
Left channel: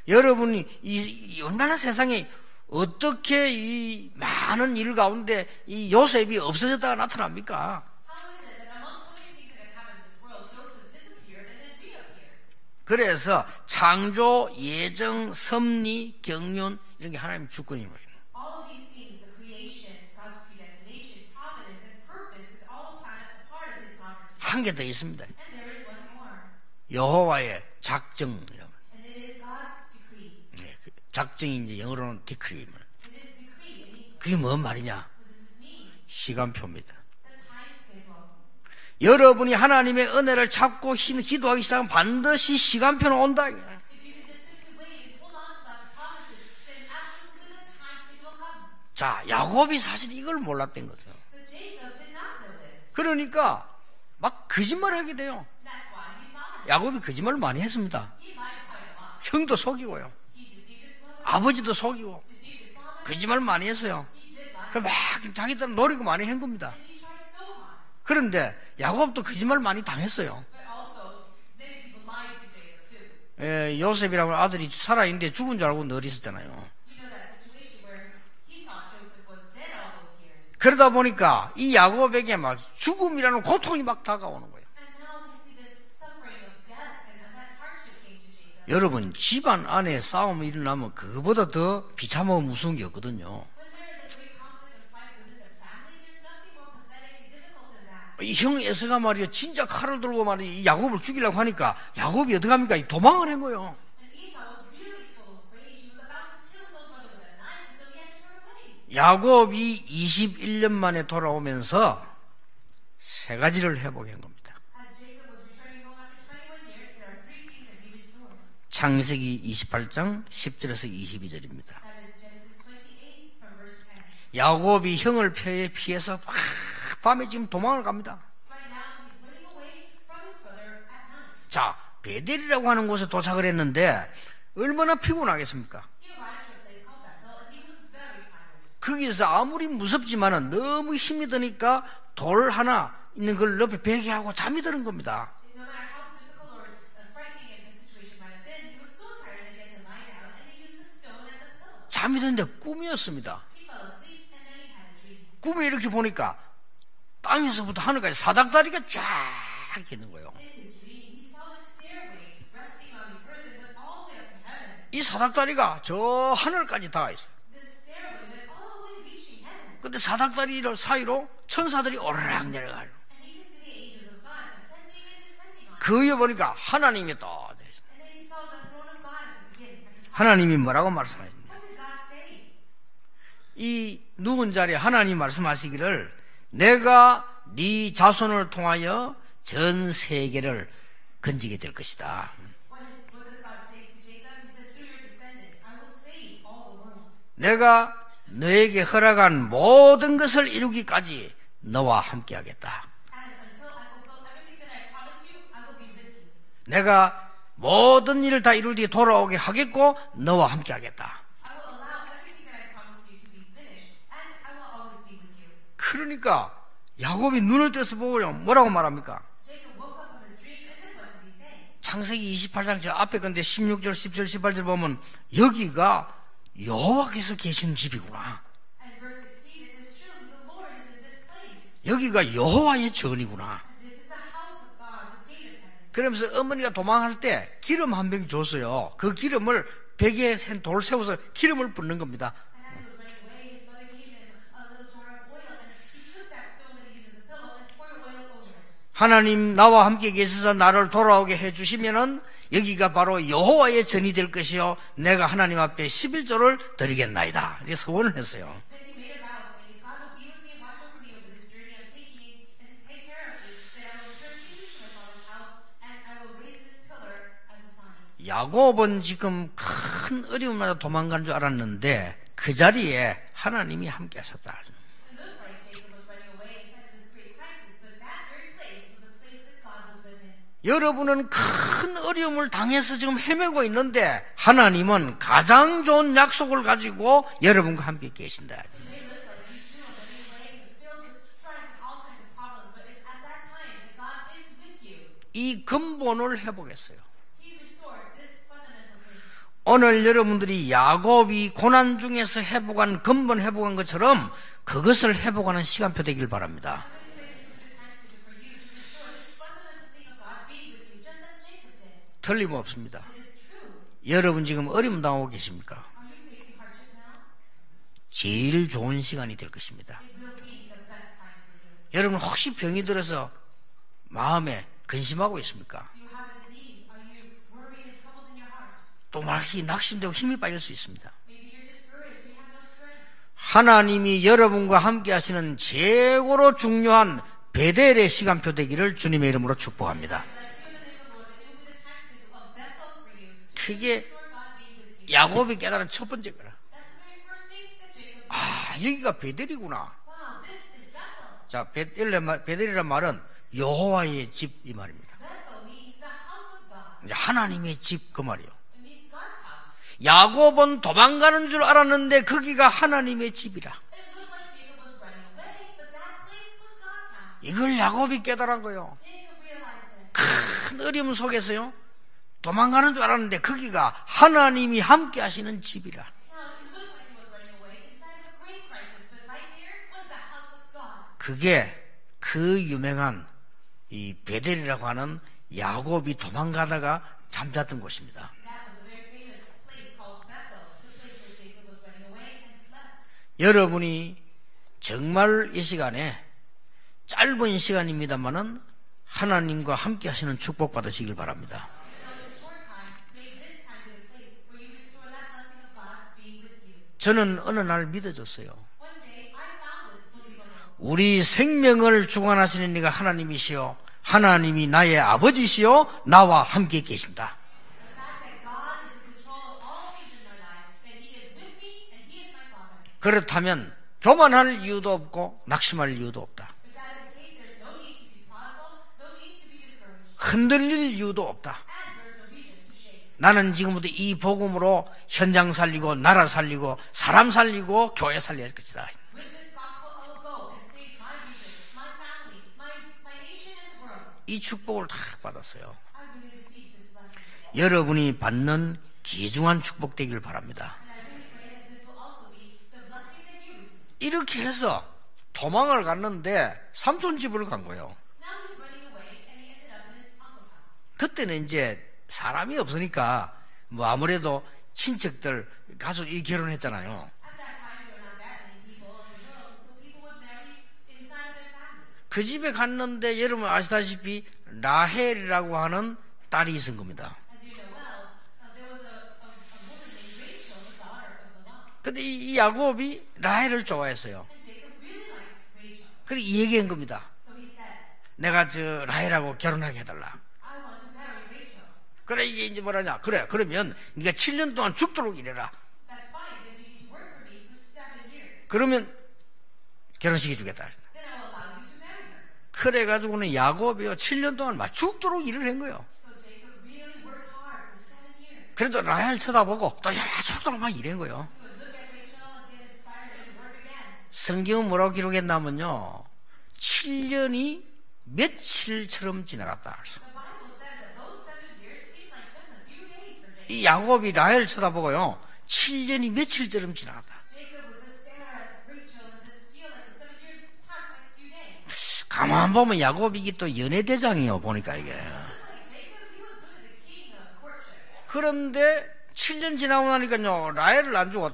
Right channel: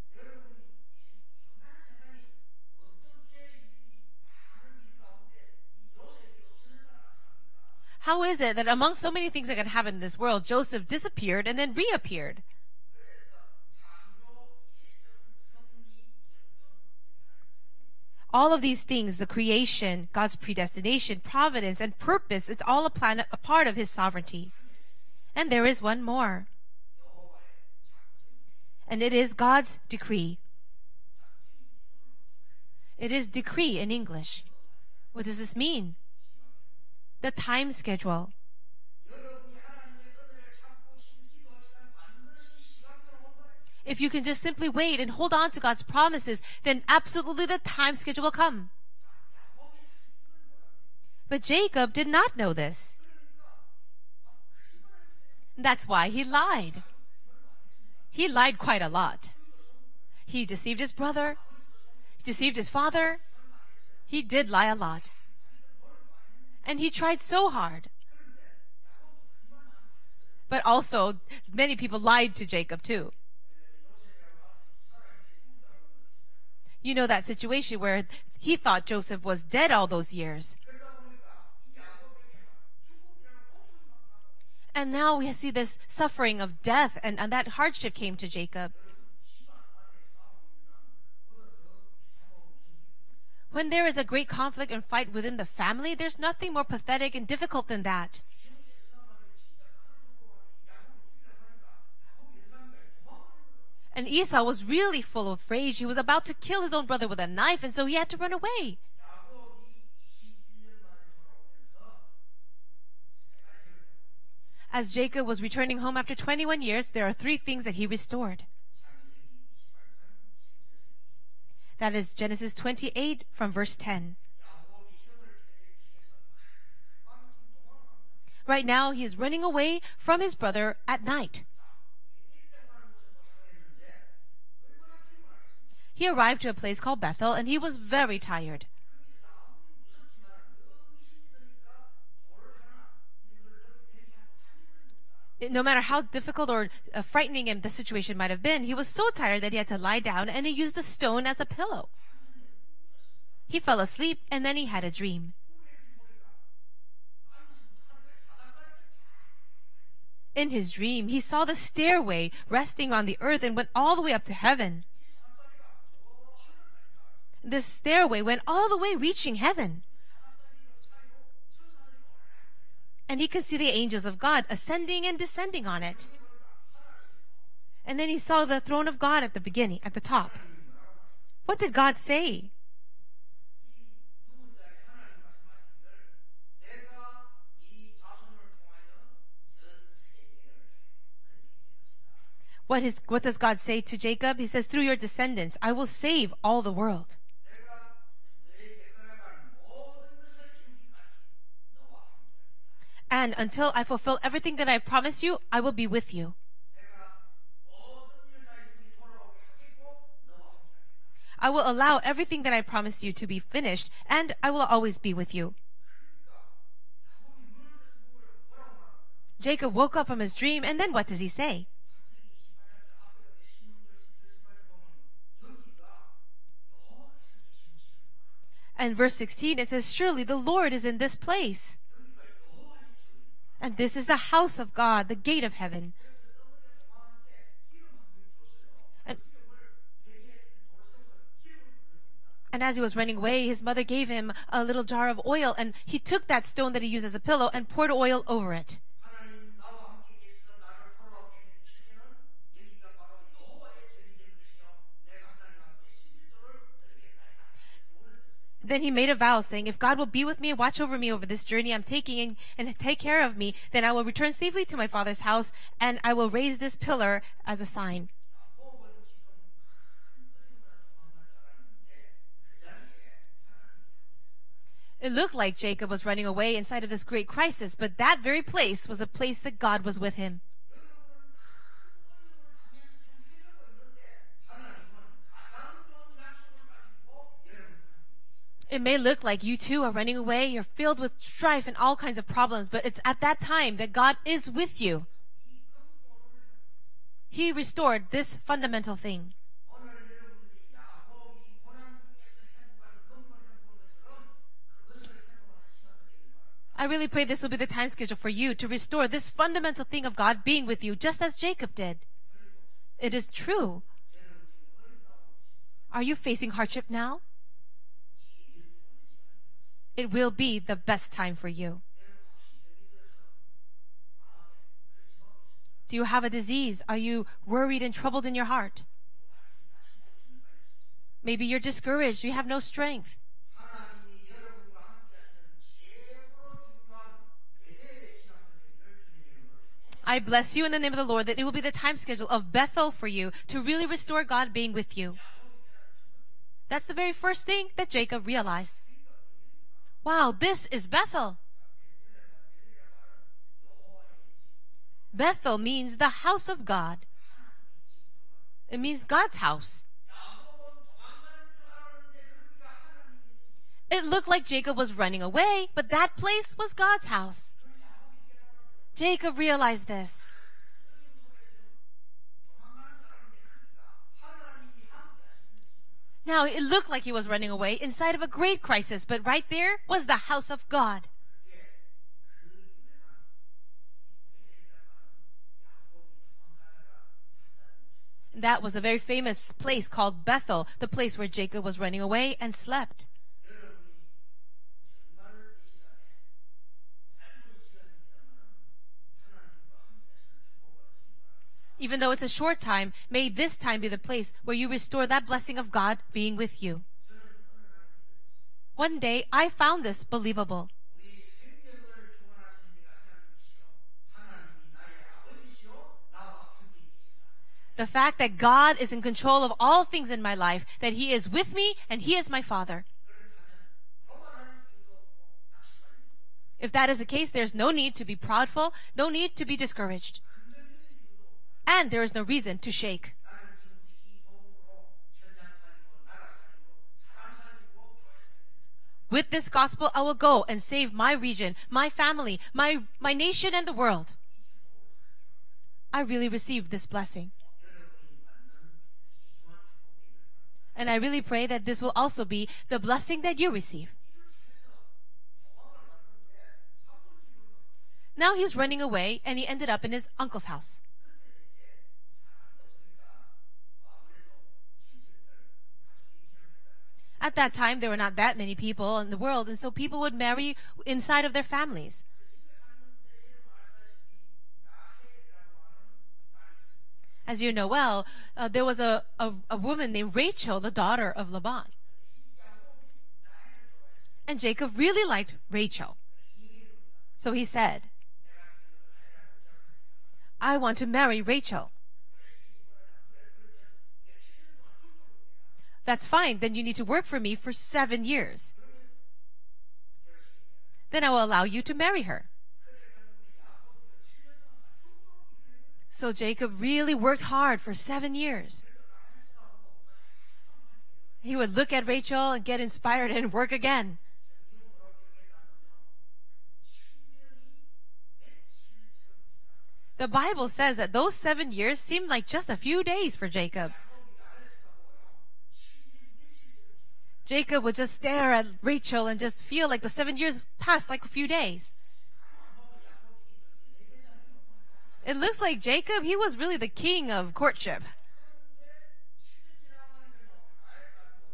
여러분이 이 얼마나 세상에 어떻게 이 많은 일 가운데 이 요셉이 없어졌다가 나타납니까? How is it that among so many things that can happen in this world, Joseph disappeared and then reappeared? 그래서 창조, 예정, 섭리, 경륜 이런 게 하나님 주권입니다. All of these things, the creation, God's predestination, providence, and purpose, it's all a part of His sovereignty. 한 개 더 있습니다. And there is one more. 여호와의 작정. And it is God's decree. 작정이 이제 영어로는 decree입니다. It is decree in English. 그게 뭔 말이냐? What does this mean? 시간표입니다. The time schedule. 여러분이 하나님의 은혜를 찾고 기도하기 시작하면 반드시 시간표는 온다. If you can just simply wait and hold on to God's promises, then absolutely the time schedule will come. 자, 야곱이 사실 이걸 몰랐던 거죠. But Jacob did not know this. 그러니까 막 거짓말하게 돼요. That's why he lied. 야곱이 거짓말을 많이 했습니다. He lied quite a lot. 형도 속이고요. He deceived his brother, 아버지도 속이고 deceived his father. 거짓말 많이 했어요. He did lie a 막 lot. 자기들 노리고 많이 한 겁니다. And he tried so hard. 그런데 야곱도 거짓말 많이 당했어요. But also, many people lied to Jacob too. 요셉이라는 아들이 살아있는데 죽은 줄 알고 늘 있었잖아요. You know that situation where he thought Joseph was dead all those years. 그러다 보니까 이 야곱에게 막 죽음이라는 고통이 막 다가오는 거예요. And now we see this suffering of death, and that hardship came to Jacob. 여러분, 집안 안에 싸움이 일어나면 그거보다 더 비참하고 무서운 게 없거든요. When there is a great conflict and fight within the family, there's nothing more pathetic and difficult than that. 이 형 에서가 말이요, 진짜 칼을 들고 말이요, 이 야곱을 죽이려고 하니까 야곱이 어떡합니까? 도망을 한 거예요. And Esau was really full of rage. He was about to kill his own brother with a knife, and so he had to run away. 야곱이 21년 만에 돌아오면서 세 가지를 회복한 겁니다. As Jacob was returning home after 21 years, there are three things that he restored. 창세기 28장 10절에서 22절입니다. That is Genesis 28 from verse 10. 야곱이 형을 피해서 밤에 지금 도망을 갑니다. Right now, he is running away from his brother at night. 자, 베델이라고 하는 곳에 도착을 했는데 얼마나 피곤하겠습니까? He arrived to a place called Bethel, and he was very tired. 거기서 아무리 무섭지만은 너무 힘이 드니까 돌 하나 있는 걸 옆에 베개하고 잠이 드는 겁니다. No matter how difficult or frightening the situation might have been, he was so tired that he had to lie down, and he used the stone as a pillow. 잠이 드는데 꿈이었습니다. He fell asleep, and then he had a dream. 꿈에 이렇게 보니까 땅에서부터 하늘까지 사닥다리가 쫙 이렇게 있는 거예요. In his dream, he saw the stairway resting on the earth and went all the way up to heaven. 이 사닥다리가 저 하늘까지 닿아 있어요. This stairway went all the way reaching heaven. 근데 사닥다리 사이로 천사들이 오르락 내려가요. And he could see the angels of God ascending and descending on it. 그 위에 보니까 하나님이 또 And then he saw the throne of God at the beginning, at the top. 하나님이 뭐라고 말씀하십니까? What did God say? 이 누운 자리에 하나님 말씀하시기를 내가 네 자손을 통하여 전 세계를 건지게 될 것이다. What does God say to Jacob? He says, through your descendants, I will save all the world. 내가 너에게 허락한 모든 것을 이루기까지 너와 함께하겠다. And until I fulfill everything that I promised you, I will be with you. 내가 모든 일을 다 이룰 뒤에 돌아오게 하겠고 너와 함께하겠다. I will allow everything that I promised you to be finished, and I will always be with you. 그러니까 야곱이 눈을 떠서 보고요. 뭐라고 말합니까? Jacob woke up from his dream, and then what does he say? 창세기 28장 저 앞에 건데 16절, 10절, 18절 보면 여기가 여호와께서 계시는 집이구나. And verse 16, it says, surely the Lord is in this place. 여기가 여호와의 전이구나. And this is the house of God, the gate of heaven. 그러면서 어머니가 도망할 때 기름 한 병 줬어요. 그 기름을 벽에 돌 세워서 기름을 붓는 겁니다. And as he was running away, his mother gave him a little jar of oil, and he took that stone that he used as a pillow and poured oil over it. 하나님 나와 함께 계셔서 나를 돌아오게 해주시면은 여기가 바로 여호와의 전이 될 것이요 내가 하나님 앞에 11조를 드리겠나이다. 이렇게 서원을 했어요. Then he made a vow saying, if God will be with me and watch over me over this journey I'm taking and take care of me, then I will return safely to my father's house and I will raise this pillar as a sign. 야곱은 지금 큰 어려움마다 도망간 줄 알았는데 그 자리에 하나님이 함께 하셨다. It looked like Jacob was running away inside of this great crisis, but that very place was a place that God was with him. 여러분은 큰 어려움을 당해서 지금 헤매고 있는데 하나님은 가장 좋은 약속을 가지고 여러분과 함께 계신다. It may look like you too are running away, you're filled with strife and all kinds of problems, but it's at that time that God is with you. 이 근본을 회복했어요. He restored this fundamental thing. 오늘 여러분들이 야곱이 고난 중에서 회복한 근본 회복한 것처럼 그것을 회복하는 시간표 되길 바랍니다. I really pray this will be the time schedule for you to restore this fundamental thing of God being with you, just as Jacob did. 틀림없습니다. It is true. 여러분 지금 어려움 당하고 계십니까? Are you facing hardship now? 제일 좋은 시간이 될 것입니다. It will be the best time for you. 여러분 혹시 병이 들어서 마음에 근심하고 있습니까? Do you have a disease? Are you worried and troubled in your heart? 또 말이 낙심되고 힘이 빠질 수 있습니다. Maybe you're discouraged. You have no strength. 하나님이 여러분과 함께 하시는 최고로 중요한 베델의 시간표 되기를 주님의 이름으로 축복합니다. I bless you in the name of the Lord that it will be the time schedule of Bethel for you to really restore God being with you. 야곱이 깨달은 첫 번째 거라. That's the very first thing that Jacob realized. 여기가 베델이구나. Wow, this is Bethel. 자, 베델이란 말은 여호와의 집 이 말입니다. Bethel means the house of God. 하나님의 집 그 말이요. It means God's house. 야곱은 도망가는 줄 알았는데 거기가 하나님의 집이라. It looked like Jacob was running away, but that place was God's house. 이걸 야곱이 깨달은 거예요. Jacob realized this. 큰 어려움 속에서요. 도망가는 줄 알았는데 거기가 하나님이 함께 하시는 집이라. Now it looked like he was running away inside of a great crisis, but right there was the house of God. 그게 그 유명한 이 베델이라고 하는 야곱이 도망가다가 잠잤던 곳입니다. That was a very famous place called Bethel, the place where Jacob was running away and slept. 여러분이 정말 이 시간에 짧은 시간입니다만은 하나님과 함께 하시는 축복 받으시길 바랍니다. Even though it's a short time, may this time be the place where you restore that blessing of God being with you. 저는 어느 날 믿어졌어요. One day I found this believable. 우리 생명을 주관하시는 이가 하나님이시요 하나님이 나의 아버지시요 나와 함께 계신다. The fact that God is in control of all things in my life, that He is with me and He is my Father. 그렇다면 교만할 이유도 없고 낙심할 이유도 없다. If that is the case, there's no need to be proudful, no need to be discouraged. 흔들릴 이유도 없다. And there is no reason to shake. 나는 지금부터 이 복음으로 현장 살리고 나라 살리고 사람 살리고 교회 살려야 할 것이다. With this gospel, I will go and save my region, my family, my nation and the world. 이 축복을 다 받았어요. I really received this blessing. 여러분이 받는 귀중한 축복 되길 바랍니다. And I really pray that this will also be the blessing that you receive. 이렇게 해서 도망을 갔는데 삼촌 집으로 간 거예요. Now he's running away and he ended up in his uncle's house. 그때는 이제 사람이 없으니까 뭐 아무래도 친척들 가족이 결혼했잖아요. At that time, there were not that many people in the world, and so people would marry inside of their families. 그 집에 갔는데 여러분 아시다시피 라헬이라고 하는 딸이 있은 겁니다. As you know well, there was a woman named Rachel, the daughter of Laban. 근데 이 야곱이 라헬을 좋아했어요. And Jacob really liked Rachel. 그래서 얘기한 겁니다. So he said, 내가 저 라헬하고 결혼하게 해달라. I want to marry Rachel. 그래 이게 이제 뭐라냐? 그래 그러면 네가 7년 동안 죽도록 일해라. That's fine. Then you need to work for me for 7 years. 그러면 결혼시켜 주겠다. Then I will allow you to marry her. 그래 가지고는 야곱이요 7년 동안 막 죽도록 일을 한 거예요. So Jacob really worked hard for 7 years. 그래도 라헬 쳐다보고 또 죽도록 막 일한 거예요. He would look at Rachel and get inspired and work again. 성경은 뭐라고 기록했냐면요. 7년이 며칠처럼 지나갔다. The Bible says that those 7 years seemed like just a few days for 이 Jacob. 야곱이 라헬을 쳐다보고요. 7년이 며칠처럼 지나갔다. Jacob would just stare at Rachel and just feel like the 7 years passed like a few days. 가만 보면 야곱이 이게 또 연애대장이에요. 보니까 이게. It looks like Jacob, he was really the king of courtship. 그런데 7년 지나고 나니까요. 라헬을 안 주고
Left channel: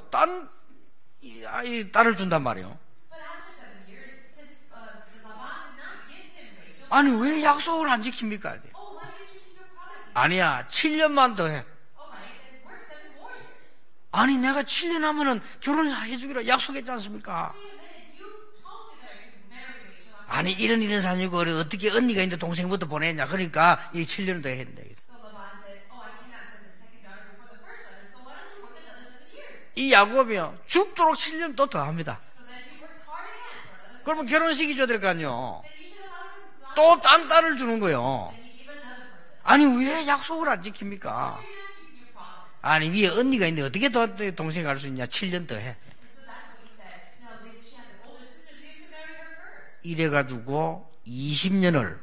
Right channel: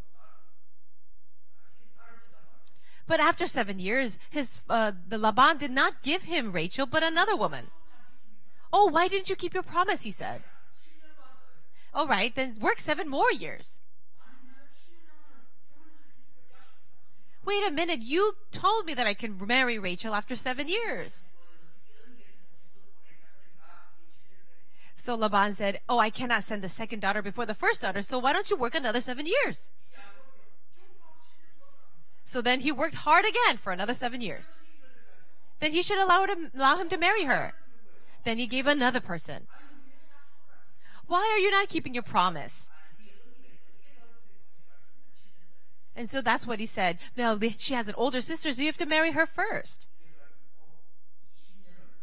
이 딸을 준단 말이에요. But after 7 years, the Laban did not give him Rachel, but 아니 another 왜 one. 약속을 안 지킵니까? Oh, why didn't you keep your promise? He said. 아니야 7년만 더 해. All right, then work 7 more years. 아니 내가 7년 하면은 결혼해주기로 약속했지 않습니까? Wait a minute, you told me that I can marry Rachel after 아니 7 이런 일은 years. 아니고 어떻게 언니가 있는데 동생부터 보내냐 그러니까 이 7년을 더 했는데 So Laban said, oh, I cannot send the second daughter before the first daughter, so why don't you work another 7 years? 이 야곱이요 죽도록 7년 또 더 합니다. So then he worked hard again for another 7 그러면 years. 결혼식이 줘야 될 거 아니요. Then he should allow him to 또 marry 딴 her. 딸을 주는 거요. Then he gave another person. 아니 왜 약속을 안 지킵니까? Why are you not keeping your promise? 아니 위에 언니가 있는데 어떻게 더 동생 갈 수 있냐? 7년 더 해. And so that's what he said. No, she has an older sister, so you have to marry her first. 이래가지고 20년을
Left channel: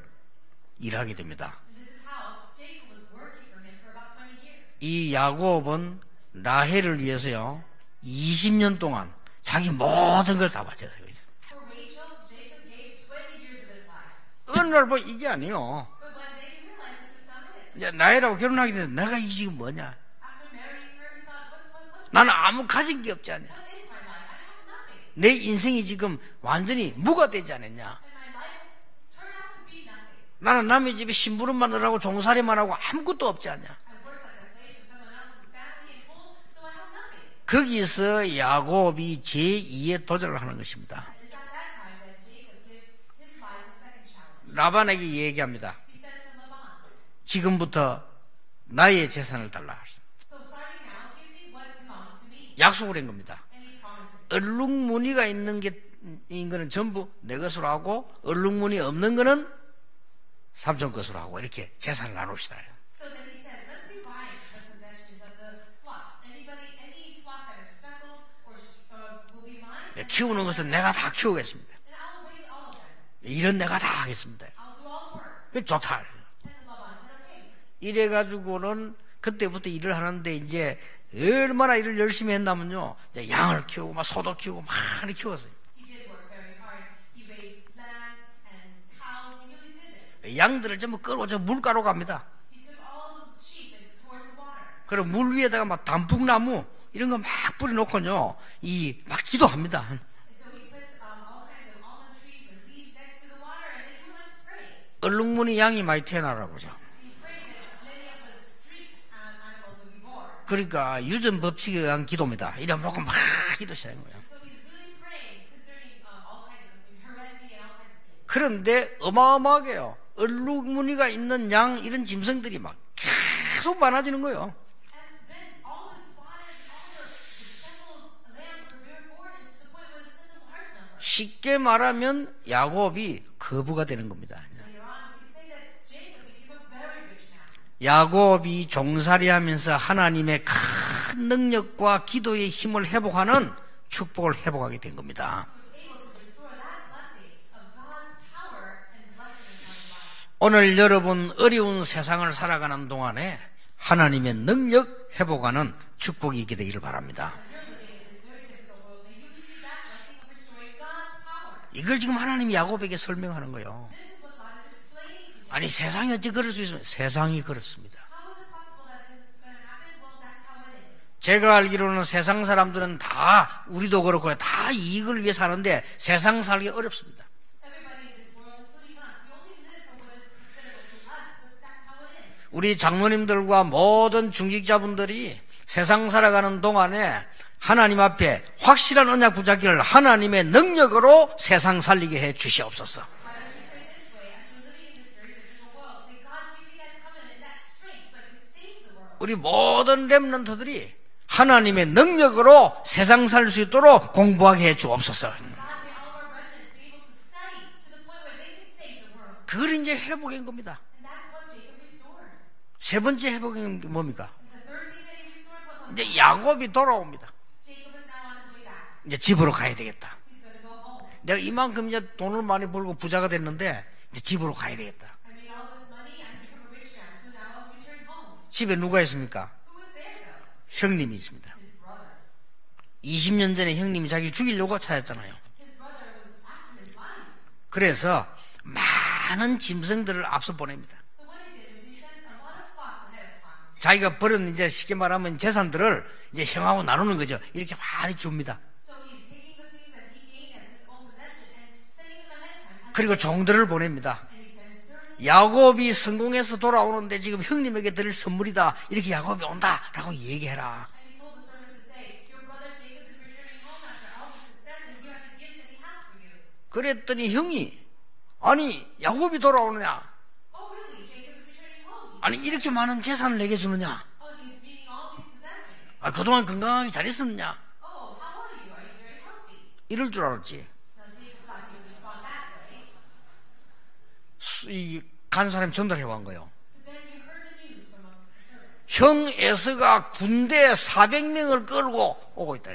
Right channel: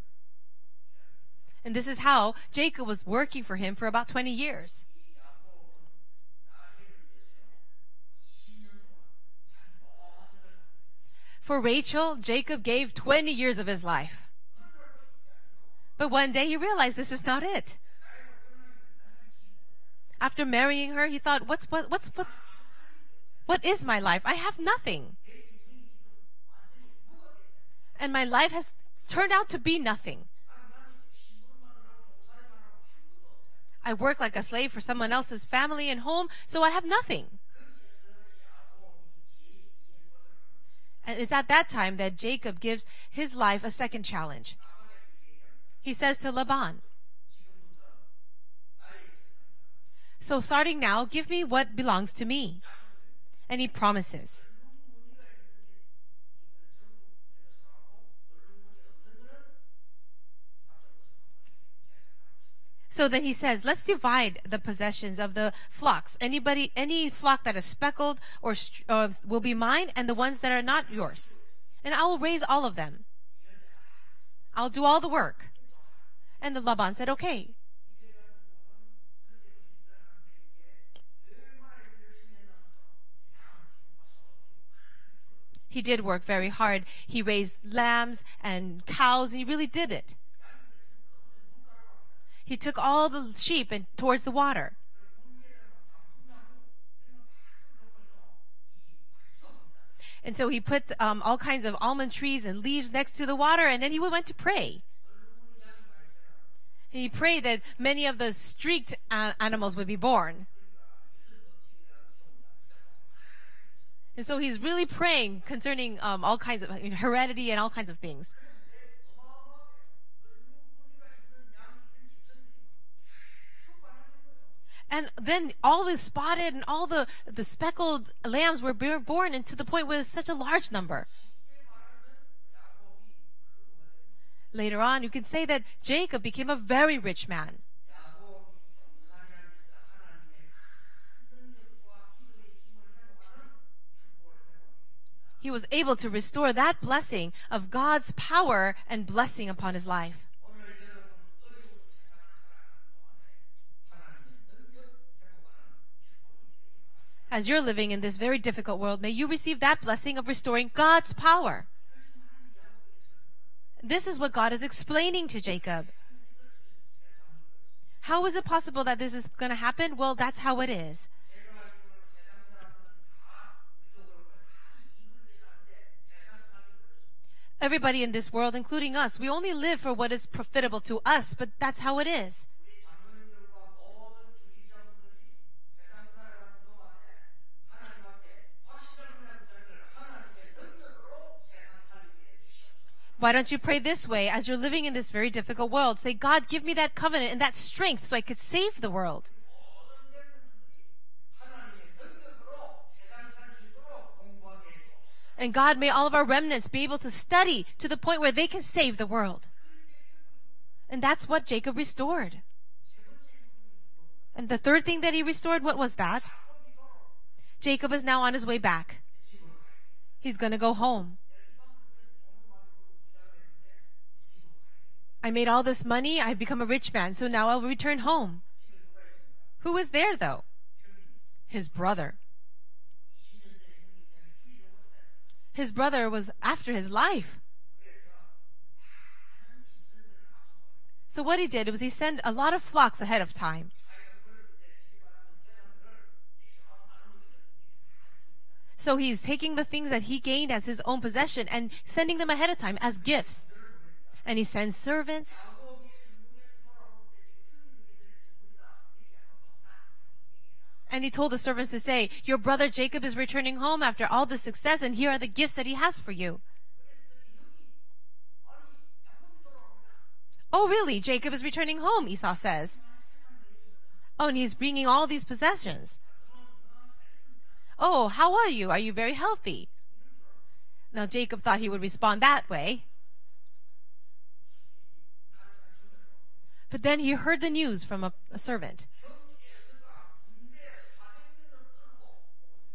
일하게 됩니다. And this is how Jacob was working for him for about 20 years. 이 야곱은 라헬을 위해서요 20년 동안 자기 모든 걸 다 바쳤어요. For Rachel, Jacob gave 20 years of his life. 어느 날 뭐 이게 아니요. But one day he realized this is not it. 이제 라헬하고 결혼하게 됐는데 내가 이 지금 뭐냐? After marrying her, he thought, 나는 아무 가진 게 없지 않냐? what is my life? I have nothing. 내 인생이 지금 완전히 무가 되지 않았냐? And my life has turned out to be nothing. 나는 남의 집에 심부름만 하고 종살이만 하고 아무것도 없지 않냐? I work like a slave for someone else's family and home, so I have nothing. 거기서 야곱이 제2의 도전을 하는 것입니다. And it's at that time that Jacob gives his life a second challenge. 라반에게 얘기합니다. He says to Laban, 지금부터 나의 재산을 달라. so starting now, give me what belongs to me. 약속을 한 겁니다. And he promises. 얼룩무늬가 있는 거는 전부 내 것으로 하고 얼룩무늬 없는 거는 삼촌 것으로 하고 이렇게 재산을 나눕시다. So then he says, let's divide the possessions of the flocks. Any flock that is speckled will be mine, and the ones 키우는 that are 것은 내가 not, 다 키우겠습니다. and I will raise all of them. 일은 내가 다 하겠습니다. I'll do all the work. 좋다. And the Laban said, okay. 이래가지고는 그때부터 일을 하는데 이제 얼마나 일을 열심히 했냐면요. 이제 양을 키우고 막 소도 키우고 많이 키웠어요. He did work very hard. He raised lambs and cows. He really did it. 양들을 전부 끌고 저 물가로 갑니다. He took all the sheep and towards the water. 그리고 물 위에다가 막 단풍나무 이런 거 막 뿌려놓고요. 막 기도합니다. And so he put all kinds of almond trees and leaves next to the water, and then he went to pray. 얼룩무늬 양이 많이 태어나라고죠. He prayed that many of the streaked animals would be born. 그러니까 유전 법칙에 의한 기도입니다. 이러면 막 기도 시작한 거예요. And so he's really praying concerning all kinds of heredity and all kinds of things. 그런데 어마어마하게요. 얼룩무늬가 있는 양 이런 짐승들이 막 계속 많아지는 거예요. And then all the spotted and all the speckled lambs were born, and to the point where it's such a large number. 쉽게 말하면 야곱이 거부가 되는 겁니다. Later on, you can say that Jacob became a very rich man. 야곱이 종살이하면서 하나님의 큰 능력과 기도의 힘을 회복하는 축복을 회복하게 된 겁니다. He was able to restore that blessing of God's power and blessing upon his life. 오늘 여러분 어려운 세상을 살아가는 동안에 하나님의 능력 회복하는 축복이 있게 되기를 바랍니다. As you're living in this very difficult world, may you receive that blessing of restoring God's power. 이걸 지금 하나님이 야곱에게 설명하는 거예요. This is what God is explaining to 아니 Jacob. 세상이 어찌 그럴 수 있습니까? 세상이 그렇습니다. How is it possible that this is going to happen? Well, that's how it is. 제가 알기로는 세상 사람들은 다 우리도 그렇고 다 이익을 위해 사는데 세상 살기 어렵습니다. Everybody in this world, including us, we only live for what is profitable to us, but that's how it is. 우리 장로님들과 모든 중직자분들이 세상 살아가는 동안에 하나님 앞에 확실한 언약 붙잡기를 하나님의 능력으로 세상 살리게 해 주시옵소서. Why don't you pray this way as you're living in this very difficult world? Say, God, give me that covenant and that strength so I could save the world. 우리 모든 렘넌트들이 하나님의 능력으로 세상 살 수 있도록 공부하게 해 주옵소서. And God, may all of our remnants be able to study to the point where they can save the world. 그걸 이제 회복인 겁니다. And that's what Jacob restored. 세 번째 회복인 게 뭡니까? And the third thing that he restored, what was 이제 that? 야곱이 돌아옵니다. Jacob is now on his way back. 이제 집으로 가야 되겠다. He's going to go home. 내가 이만큼 이제 돈을 많이 벌고 부자가 됐는데 이제 집으로 가야 되겠다. I made all this money. I've become a rich man. So now I'll return home. 집에 누가 있습니까? Who is there though? 형님이 있습니다. His brother. 20년 전에 형님이 자기를 죽이려고 찾았잖아요. His brother was after his life. 그래서 많은 짐승들을 앞서 보냅니다. So what he did was he sent a lot of flocks ahead of time. 자기가 벌은 이제 쉽게 말하면 재산들을 이제 형하고 나누는 거죠. 이렇게 많이 줍니다. So he's taking the things that he gained as his own possession and sending them ahead of time as 그리고 gifts. 종들을 보냅니다. And he sends servants. 야곱이 성공해서 돌아오는데 지금 형님에게 드릴 선물이다. 이렇게 야곱이 온다라고 얘기해라. And he told the servants to say, your brother Jacob is returning home after all the success, and here are the gifts that he has for you. 그랬더니 형이 아니 야곱이 돌아오느냐? Oh, really? Jacob is returning home, Esau 아니 이렇게 says. 많은 재산을 내게 주느냐? Oh, and he's bringing all these possessions. 아, 그동안 건강하게 잘 있었느냐? Oh, how are you? Are you very healthy? 이럴 줄 알았지. Now Jacob thought he would respond that way. 간 사람이 전달해 온 거예요. But then he heard the news from a servant. 형 에서가 군대 400명을 끌고 오고 있다.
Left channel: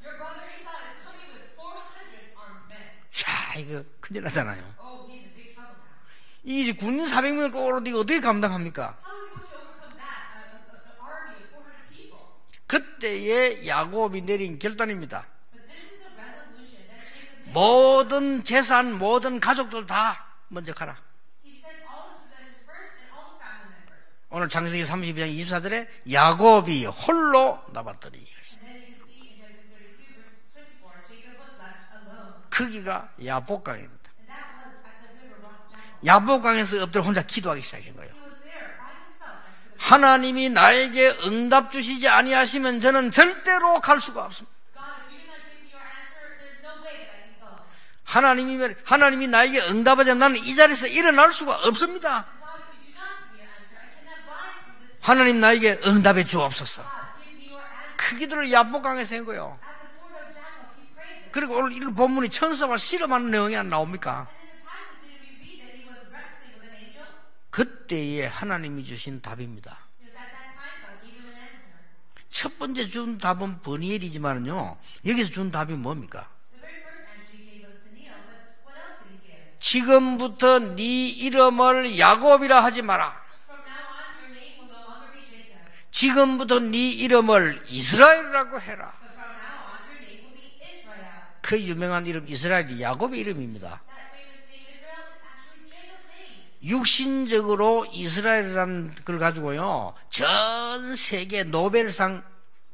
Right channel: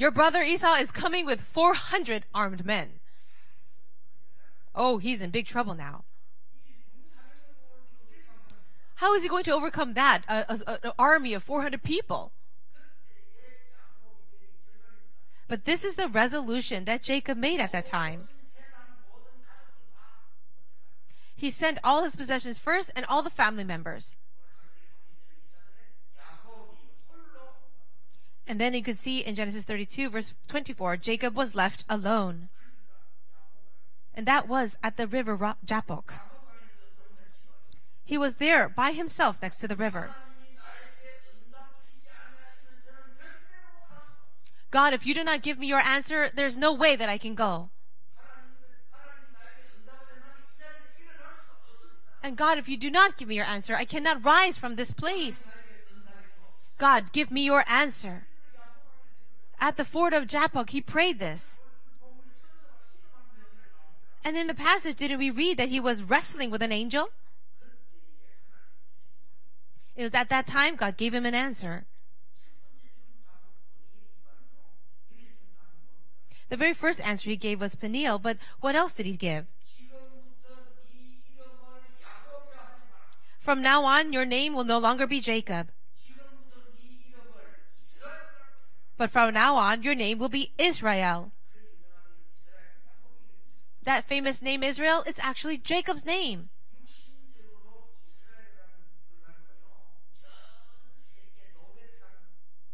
Your brother Esau is coming with 400 armed men. 야, 이거 큰일 나잖아요. Oh, he's in big trouble now. 이 군인 400명을 끌고 오는데 이거 어떻게 감당합니까? How is he going to overcome that? An army of 400 people. 그때의 야곱이 내린 결단입니다. But this is the resolution that Jacob made at that time. 모든 재산, 모든 가족들 다 먼저 가라. He sent all his possessions first and all the family members. 오늘 창세기 32장 24절에 야곱이 홀로 남았더니 And then you could see in Genesis 32 verse 24, Jacob was left alone. 거기가 야복강입니다. And that was at the river Jabbok. 야복강에서 엎드려 혼자 기도하기 시작한 거예요. He was there by himself next to the river. 하나님이 나에게 응답 주시지 아니하시면 저는 절대로 갈 수가 없습니다. God, if you do not give me your answer, there's no way that I can go. 하나님이 나에게 응답하지 않으면 나는 이 자리에서 일어날 수가 없습니다. And God, if you do not give me your answer, I cannot rise from this place. 하나님 나에게 응답해 주옵소서. God, give me your 그 answer. 기도를 야복강에서 한 거예요. At the ford of Jabbok, he prayed this. 그리고 오늘 이 본문이 천사와 씨름하는 내용이 안 나옵니까? And in the passage, didn't we read that he was wrestling with an angel? 그때에 하나님이 주신 답입니다. It was at that time God gave him an answer. 첫 번째 준 답은 버니엘이지만요. 여기서 준 답이 뭡니까? The very first answer he gave was Peniel, but what else did he give? 지금부터 네 이름을 야곱이라 하지 마라. From now on, your name will no longer be Jacob, 지금부터 네 이름을 이스라엘이라고 해라. but from now on, your name will be Israel. 그 유명한 이름 이스라엘이 야곱의 이름입니다. That famous name Israel is actually Jacob's name. 육신적으로 이스라엘이라는 걸 가지고요. 전 세계 노벨상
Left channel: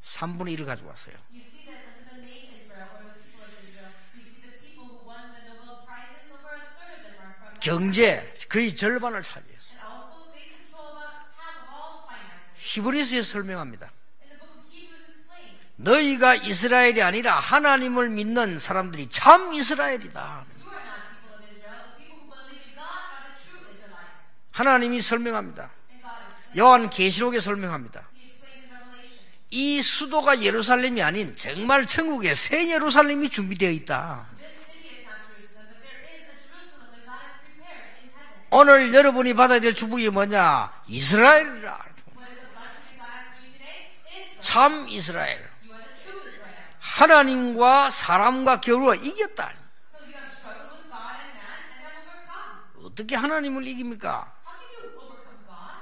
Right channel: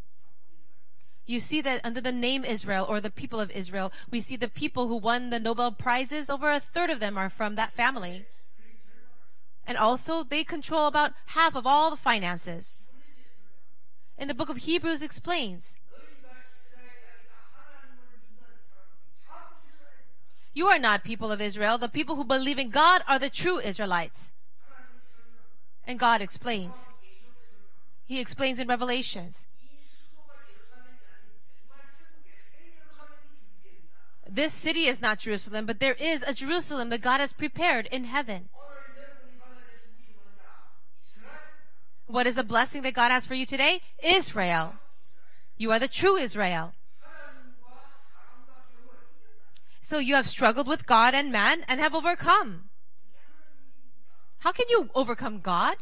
3분의 1을 가지고 왔어요. You see that under the name Israel or the people of Israel, we see the people who won the Nobel Prizes, over a third of them are from that family. 경제 거의 절반을 차지했어요. And also they control about half of all the finances. 히브리서에 설명합니다. In the book of Hebrews explains, 너희가 이스라엘이 아니라 하나님을 믿는 사람들이 참 이스라엘이다. you are not people of Israel. The people who believe in God are the true Israelites. 하나님이 설명합니다. And God explains. 요한 계시록에 설명합니다. He explains in Revelations. 이 수도가 예루살렘이 아닌 정말 천국의 새 예루살렘이 준비되어 있다. This city is not Jerusalem, but there is a Jerusalem that God has prepared in heaven. 오늘 여러분이 받아야 될 축복이 뭐냐? 이스라엘이라. What is the blessing that God has for you today? Israel. 참 이스라엘. You are the true Israel. 하나님과 사람과 겨루어 이겼다. So you have struggled with God and man and have overcome. 어떻게 하나님을 이깁니까? How can you overcome God?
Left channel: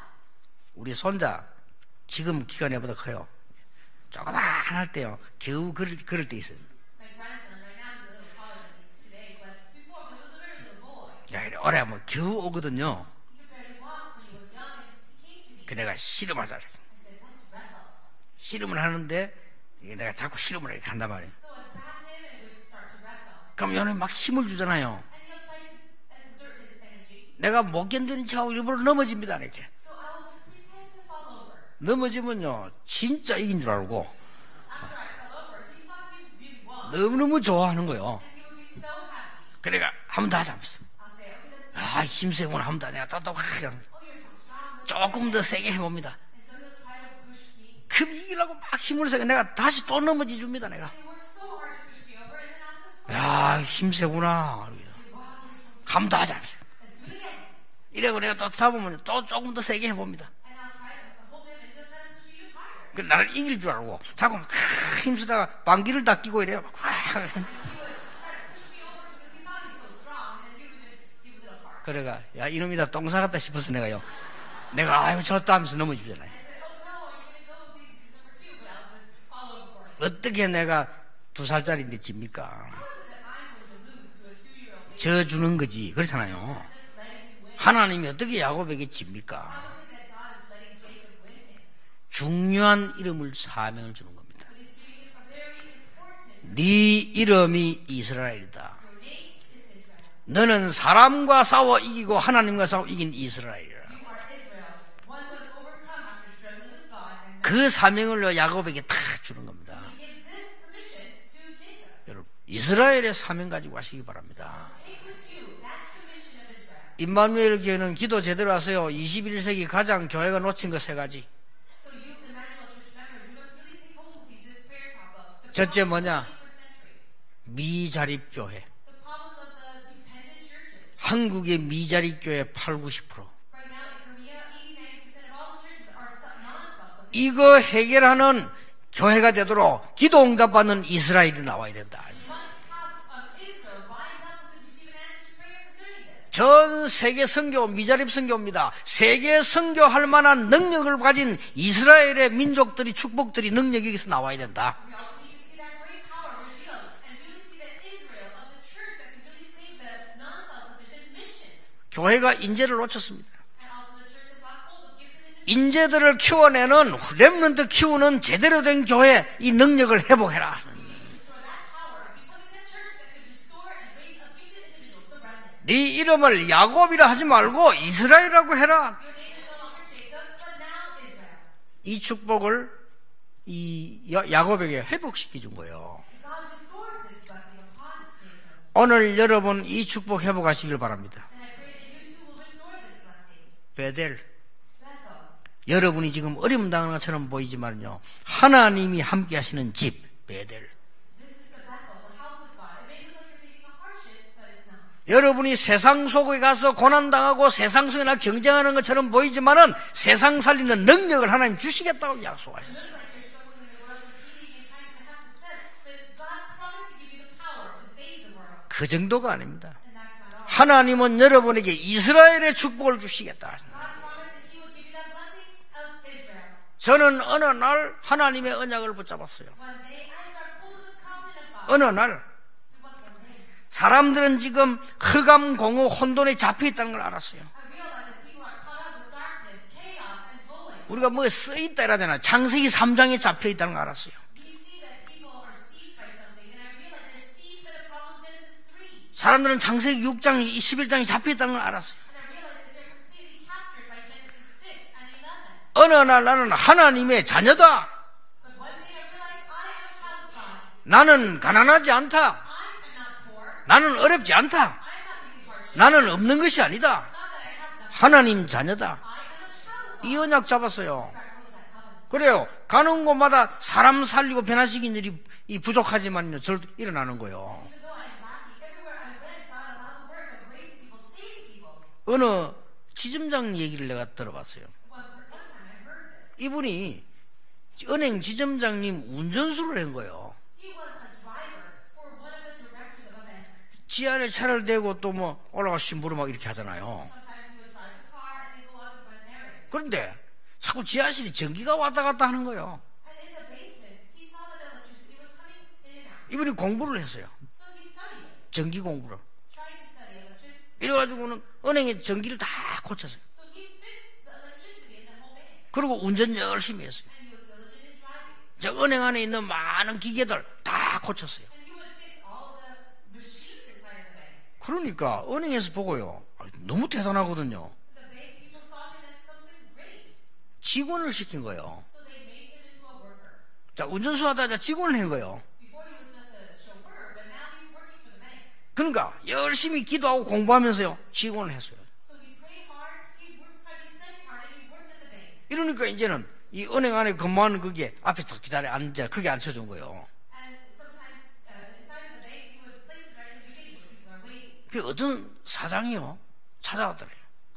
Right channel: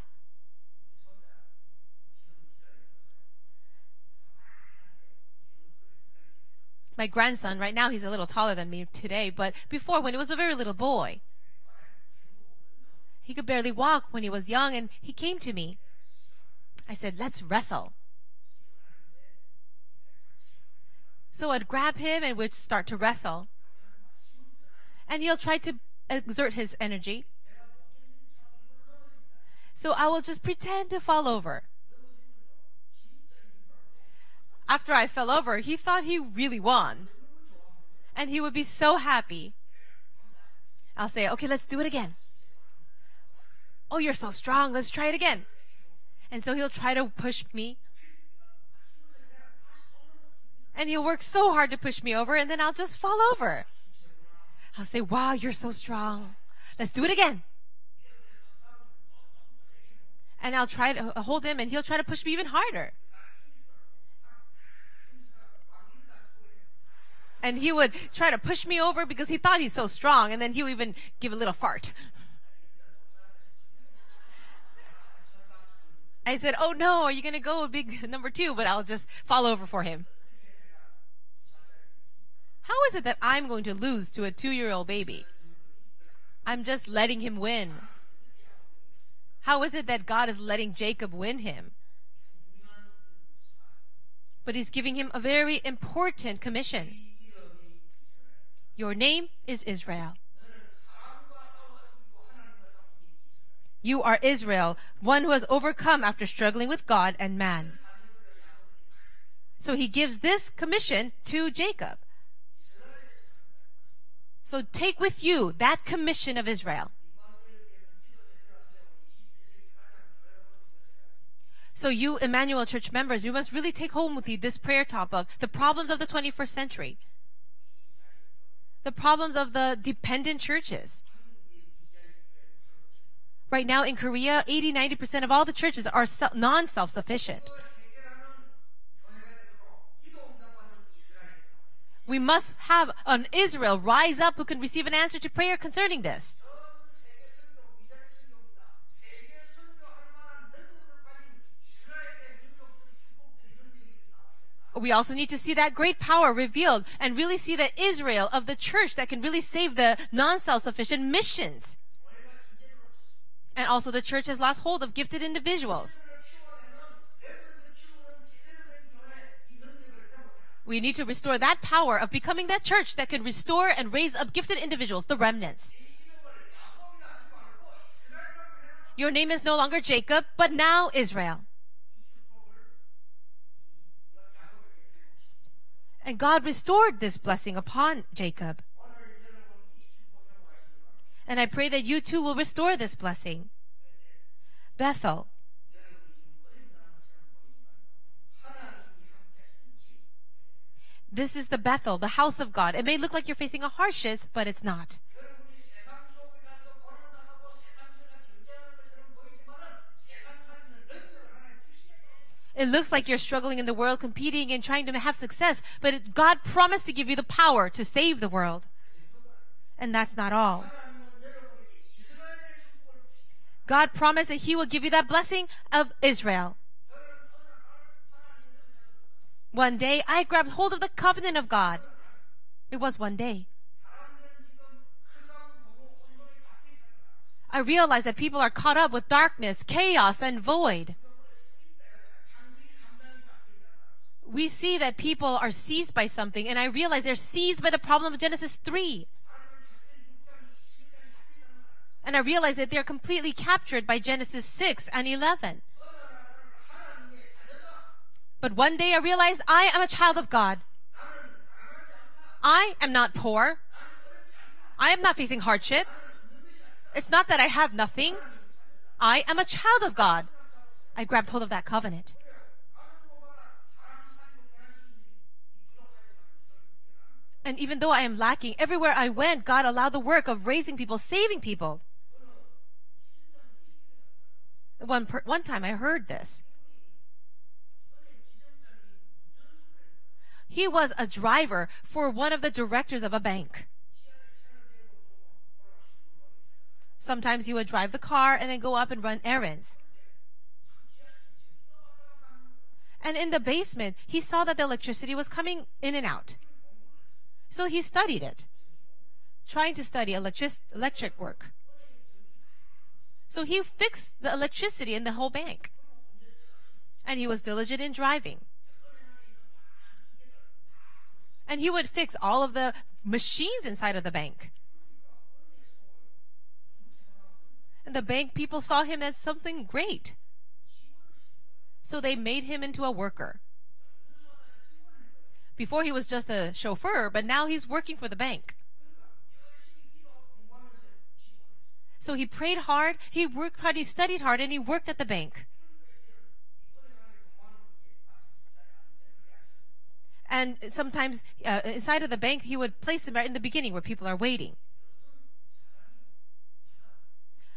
우리 손자 지금 키가 내보다 커요. 조그만할 때요. 겨우 걸을 때 있어요. My grandson, right now he's a little taller than me today, but before when he was a very little boy, 오래 하면 겨우 오거든요. he could barely walk when he was young, and he came to me. 그 내가 씨름하자. I said, let's wrestle. 씨름을 하는데 내가 자꾸 씨름을 이렇게 한단 말이에요. So I'd grab him and we'd start to wrestle. 그럼 얘는 막 힘을 주잖아요. And he'll try to exert his energy. 내가 못 견디는 척하고 일부러 넘어집니다. 이렇게. So I will just pretend to fall over. 넘어지면요 진짜 이긴 줄 알고 After I fell over, he thought he really won. 너무너무 좋아하는 거예요. And he would be so happy. 그러니까 한 번 더 하자. I'll say, okay, let's do it 아 again. 힘세구나 한 번 더 내가 또 Oh, you're so strong. Let's try it 조금 again. 더 세게 해봅니다. And so he'll try to push me. 그럼 이기려고 막 힘을 쓰고 내가 다시 또 넘어지 줍니다. 내가. And he'll work so hard to push me over, and then I'll just fall 야 over. 힘세구나. I'll say, wow, you're so 한 번 strong. 더 하자. Let's do it again. 이래고 내가 또 잡으면 또 조금 더 세게 해봅니다. And I'll try to hold him, and he'll try to push me even harder. 그 나를 이길 줄 알고 자꾸 막 힘쓰다가 방귀를 다 끼고 이래요. And he would try to push me over because he thought he's so strong, and then he would even give a little fart. 그래가 야 이놈이다 똥 싸갔다 싶어서 내가요. 내가 아유 졌다 하면서 넘어지잖아요. I said, "Oh no, are you going to go big number 2?" But I'll just fall over for him. 어떻게 내가 2살짜리인데 집니까? How is it that I'm going to lose to a 2-year-old baby? 져 주는 거지. 그렇잖아요. I'm just letting him win. 하나님이 어떻게 야곱에게 집니까? How is it that God is letting Jacob win him? 중요한 이름을 사명을 주는 겁니다. But he's giving him a very important commission. 네 이름이 이스라엘이다. Your name is Israel. 너는 사람과 싸워 이기고 하나님과 싸워 이긴 이스라엘이라. You are Israel, one who has overcome after struggling with God and man. 그 사명을 야곱에게 다 주는 겁니다. So he gives this commission to Jacob. 여러분 이스라엘의 사명 가지고 가시기 바랍니다. So take with you that commission of Israel. 임마누엘 교회는 기도 제대로 하세요. 21세기 가장 교회가 놓친 거 3가지. So you Emmanuel Church members, you must really take home with you this prayer topic, the problems of the 21st century. 미자립 교회. The problems of the dependent churches. 한국의 미자립 교회 80-90%. Right now in Korea, 80-90% of all the churches are non-self-sufficient. 이거 해결하는 교회가 되도록 기도 응답받는 이스라엘이 나와야 된다. We must have an Israel rise up who can receive an answer to prayer concerning this. 전 세계 선교 미자립 선교입니다. 세계 선교할 만한 능력을 가진 이스라엘의 민족들이 축복들이 능력이 여기서 나와야 된다. We also need to see that great power revealed and really see the Israel of the church that can really save the non-self-sufficient missions. 교회가 인재를 놓쳤습니다. And also the church has lost hold of gifted individuals. 인재들을 키워내는 렘넌트 키우는 제대로 된 교회 이 능력을 회복해라. We need to restore that power of becoming that church that could restore and raise up gifted individuals, the remnants. 네 이름을 야곱이라 하지 말고 이스라엘이라고 해라. Your name is no longer Jacob, but now Israel. 이 축복을 이 야곱에게 회복시켜 준 거예요. And God restored this blessing upon Jacob. 오늘 여러분 이 축복 회복하시길 바랍니다. And I pray that you too will restore this blessing. 베델. Bethel. 여러분이 지금 어려움 당하는 것처럼 보이지만요. 하나님이 함께 하시는 집 베델. This is the Bethel, the house of God. It may look like you're facing a hardship, but it's not. 여러분이 세상 속에 가서 고난당하고 세상 속에나 경쟁하는 것처럼 보이지만은 세상 살리는 능력을 하나님 주시겠다고 약속해요. It looks like you're struggling in the world, competing and trying to have success, but God promised to give you the power to save the world. 그 정도가 아닙니다. And that's not all. 하나님은 여러분에게 이스라엘의 축복을 주시겠다. God promised that He will give you that blessing of Israel. 저는 어느 날 하나님의 언약을 붙잡았어요. One day, I grabbed hold of the covenant of God. 어느 날 It was one day. 사람들은 지금 흑암, 공허, 혼돈에 잡혀 있다는 걸 알았어요. I realized that people are caught up with darkness, chaos, and void. 우리가 뭐 쓰있다 이러잖아. 창세기 3장에 잡혀 있다는 걸 알았어요. We see that people are seized by something, and I realize they're seized by the problem of Genesis 3. 사람들은 창세기 6장, 11장에 잡혀 있다는 걸 알았어요. And I realize that they're completely captured by Genesis 6 and 11. 어느 날 나는 하나님의 자녀다. But one day I realized I am a child of God. 나는 가난하지 않다. I am not poor. 나는 어렵지 않다. I am not facing hardship. 나는 없는 것이 아니다. It's not that I have nothing. 하나님 자녀다. I am a child of 이 God. 언약 잡았어요. I grabbed hold of that covenant. 그래요. 가는 곳마다 사람 살리고 변화시킨 일이 부족하지만요. 절 일어나는 거예요. And even though I am lacking, everywhere I went, God allowed the work of raising people, saving people. 어느 지점장 얘기를 내가 들어봤어요. One time I heard this. 이분이 은행 지점장님 운전수를 한 거예요. He was a driver for one of the directors of a bank. 지하에 차를 대고 또 뭐 올라가 심부름 막 이렇게 하잖아요. Sometimes he would drive the car and then go up and run errands. 그런데 자꾸 지하실에 전기가 왔다 갔다 하는 거예요. And in the basement, he saw that the electricity was coming in and out. 이분이 공부를 했어요. So he studied it, 전기 공부를. trying to study electric 그래가지고는 work. 은행에 전기를 다 고쳤어요. So he fixed the electricity in the whole bank. 그리고 운전 열심히 했어요. And he was diligent in driving. 저 은행 안에 있는 많은 기계들 다 고쳤어요. And he would fix all of the machines inside of the bank. 그러니까 은행에서 보고요. 너무 대단하거든요. And the bank people saw him as something great. 직원을 시킨 거예요. So they made him into a worker. 자, 운전수 하다가 직원을 한 거예요. Before he was just a chauffeur, but now he's working for the bank. 그러니까 열심히 기도하고 공부하면서요. 직원을 했어요. So he prayed hard, he worked hard, he studied hard, and he worked at the bank. 이러니까 이제는 이 은행 안에 근무하는 그게 앞에 딱 기다려 앉아 그게 앉혀준 거예요. And sometimes inside of the bank, he would place him right in the beginning where people are waiting. 그 어떤 사장이요 찾아왔더래요.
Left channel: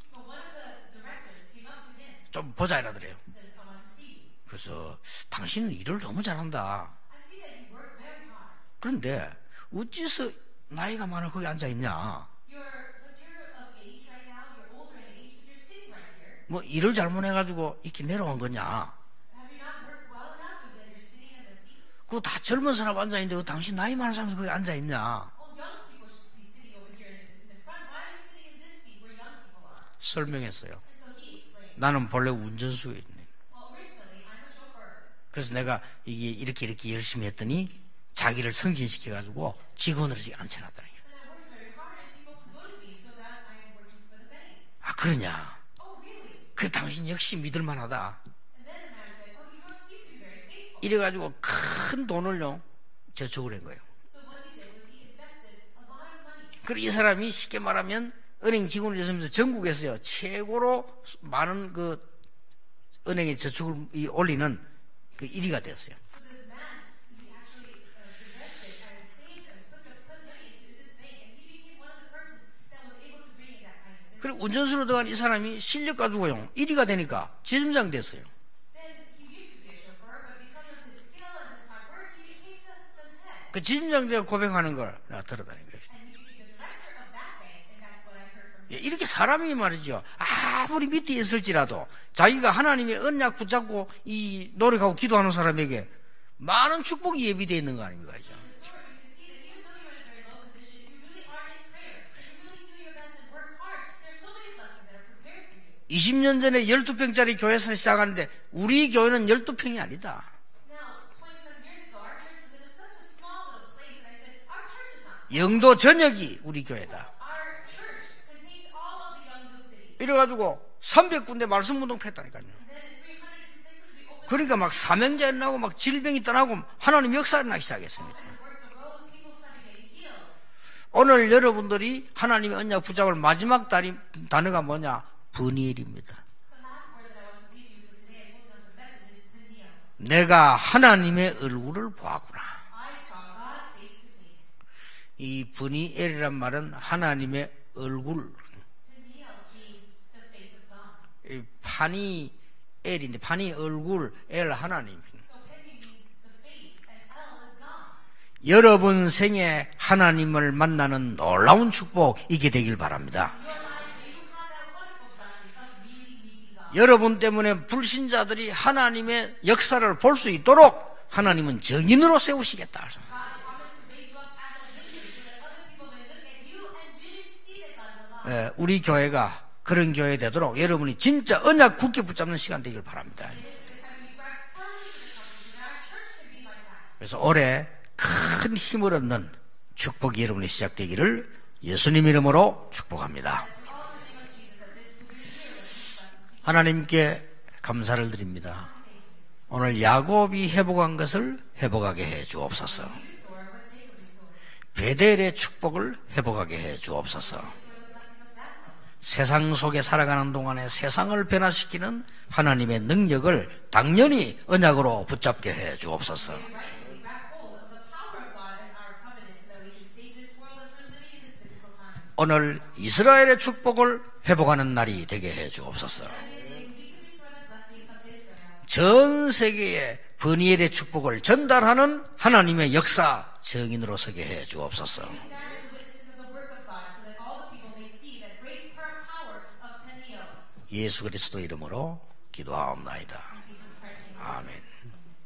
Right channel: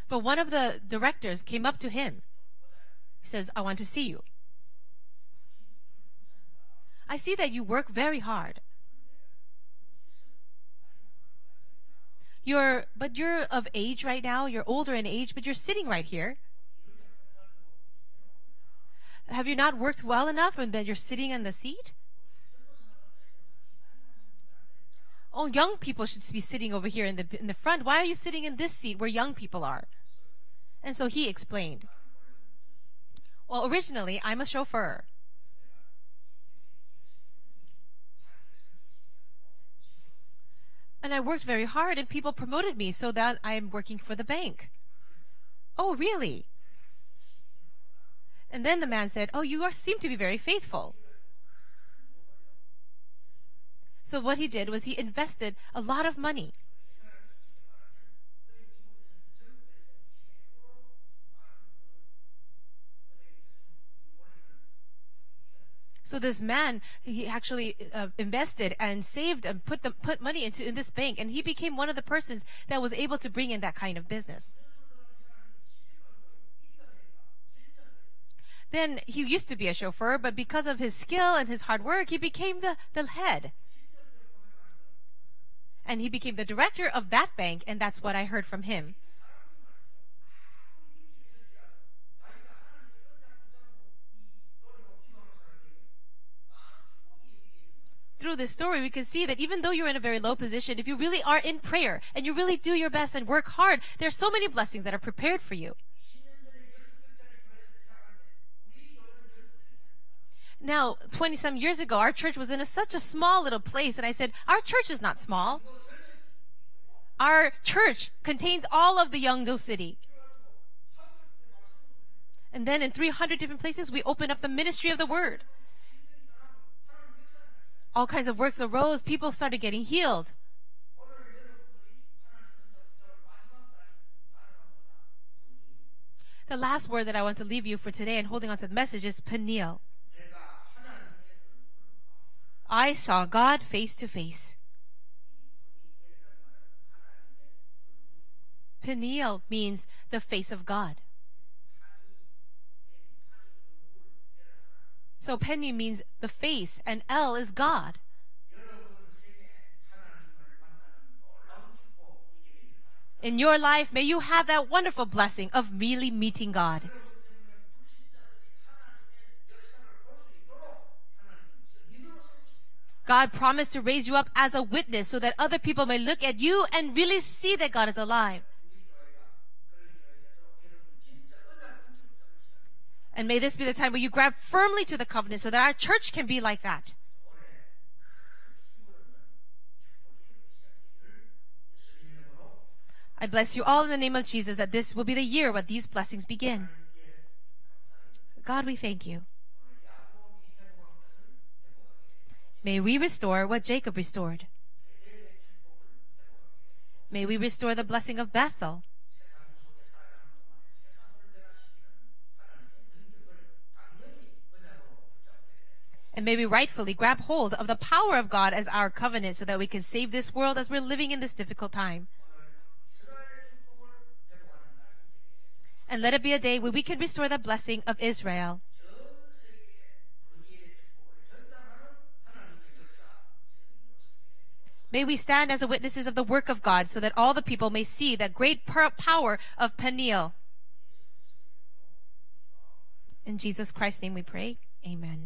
But one of the directors came up to him. 좀 보자 이러더래요. He says, I want to see you. 그래서 당신은 일을 너무 잘한다. I see that you work very hard. 그런데 어째서 나이가 많아 거기 앉아 있냐? But you're of age right now. You're older in age, but you're sitting right here. 뭐 일을 잘못해가지고 이렇게 내려온 거냐? Have you not worked well enough and that you're sitting in the seat? 그거 다 젊은 사람 앉아 있는데 왜 당신 나이 많은 사람 거기 앉아 있냐? Oh, young people should be sitting over here in the front. Why are you sitting in this seat where young people are? 설명했어요. And so he explained. 나는 본래 운전수에 있네. Well, originally I'm a chauffeur. 그래서 내가 이게 이렇게 열심히 했더니 자기를 승진시켜가지고 직원으로 지금 앉혀놨더니. And I worked very hard, and people promoted me so that I'm working for the bank. 아 그러냐? Oh, really? 그 당신 역시 믿을만하다. And then the man said, "Oh, you seem to be very faithful." 이래가지고 큰 돈을요 저축을 한 거예요. So what he did was he invested a lot of money. 그리고 이 사람이 쉽게 말하면 은행 직원을 했으면서 전국에서요 최고로 많은 그 은행에 저축을 올리는 그 1위가 됐어요. So this man, he actually invested and saved and put money in this bank, and he became one of the persons that was able to bring in that kind of business. 그리고 운전수로 들어간 이 사람이 실력 가지고요 1위가 되니까 지점장 됐어요. Then he used to be a chauffeur, but because of his skill and his hard work, he became the head. 그 지점장제가 고백하는 걸 내가 들었다는 거예요. And he became the director of that bank, and that's what I heard from him. 이렇게 사람이 말이죠. 아무리 밑에 있을지라도 자기가 하나님의 언약 붙잡고 이 노력하고 기도하는 사람에게 많은 축복이 예비되어 있는 거 아닙니까? Through this story, we can see that even though you're in a very low position, if you really are in prayer and you really do your best and work hard, there's so many blessings that are prepared for you. 20년 전에 12평짜리 교회에서 시작하는데 우리 교회는 12평이 아니다. Now, 20-some years ago, our church was in such a small little place, and I said, our church is not small. 영도 전역이 우리 교회다. Our church contains all of the Yeongdo city. 이래가지고 300군데 말씀 운동 했다니까요. And then in 300 different places, we opened up the 그러니까 막 ministry of the 사명제 word. 나고 막 질병이 떠나고 하나님 역사를 나기 시작했어요. All kinds of works arose. People started getting healed. 오늘 여러분들이 하나님의 언약 붙잡을 마지막 단어가 뭐냐? 브니엘입니다. The last word that I want to leave you for today and holding on to the message is Peniel. 내가 하나님의 얼굴을 보았구나. I saw God face to face. 이 브니엘이란 말은 하나님의 얼굴. Peniel means the face of God. 이 파니엘인데 파니 얼굴, 엘 하나님. So Peniel means the face and El is God. 여러분 생에 하나님을 만나는 놀라운 축복 있게 되길 바랍니다. In your life, may you have that wonderful blessing of really meeting God. 여러분 때문에 불신자들이 하나님의 역사를 볼 수 있도록 하나님은 증인으로 세우시겠다. God promised to raise you up as a witness so that other people may look at you and really see that God is alive. 우리 교회가 그런 교회 되도록 여러분이 진짜 언약 굳게 붙잡는 시간 되길 바랍니다. And may this be the time where you grab firmly to the covenant so that our church can be like that. 그래서 올해 큰 힘을 얻는 축복이 여러분이 시작되기를 예수님 이름으로 I 축복합니다. bless you all in the name of Jesus that this will be the year when these blessings begin. 하나님께 감사를 드립니다. God, we thank you. 오늘 야곱이 회복한 것을 회복하게 해 May 주옵소서. we restore what Jacob restored. 베델의 축복을 회복하게 해 May we 주옵소서. restore the blessing of Bethel. 세상 속에 살아가는 동안에 세상을 변화시키는 하나님의 능력을 당연히 언약으로 붙잡게 해 And 주옵소서. may we rightfully grab hold of the power of God as our covenant so that we can save this world as we're living in this difficult time. 오늘 이스라엘의 축복을 회복하는 날이 되게 해 주옵소서. And let it be a day where we can restore the blessing of Israel. 전 세계에 브니엘의 축복을 전달하는 하나님의 역사 증인으로 서게 해 주옵소서. May we stand as the witnesses of the work of God so that all the people may see that great power of Peniel. 예수 그리스도 이름으로 기도하옵나이다. In Jesus Christ's name we pray. Amen.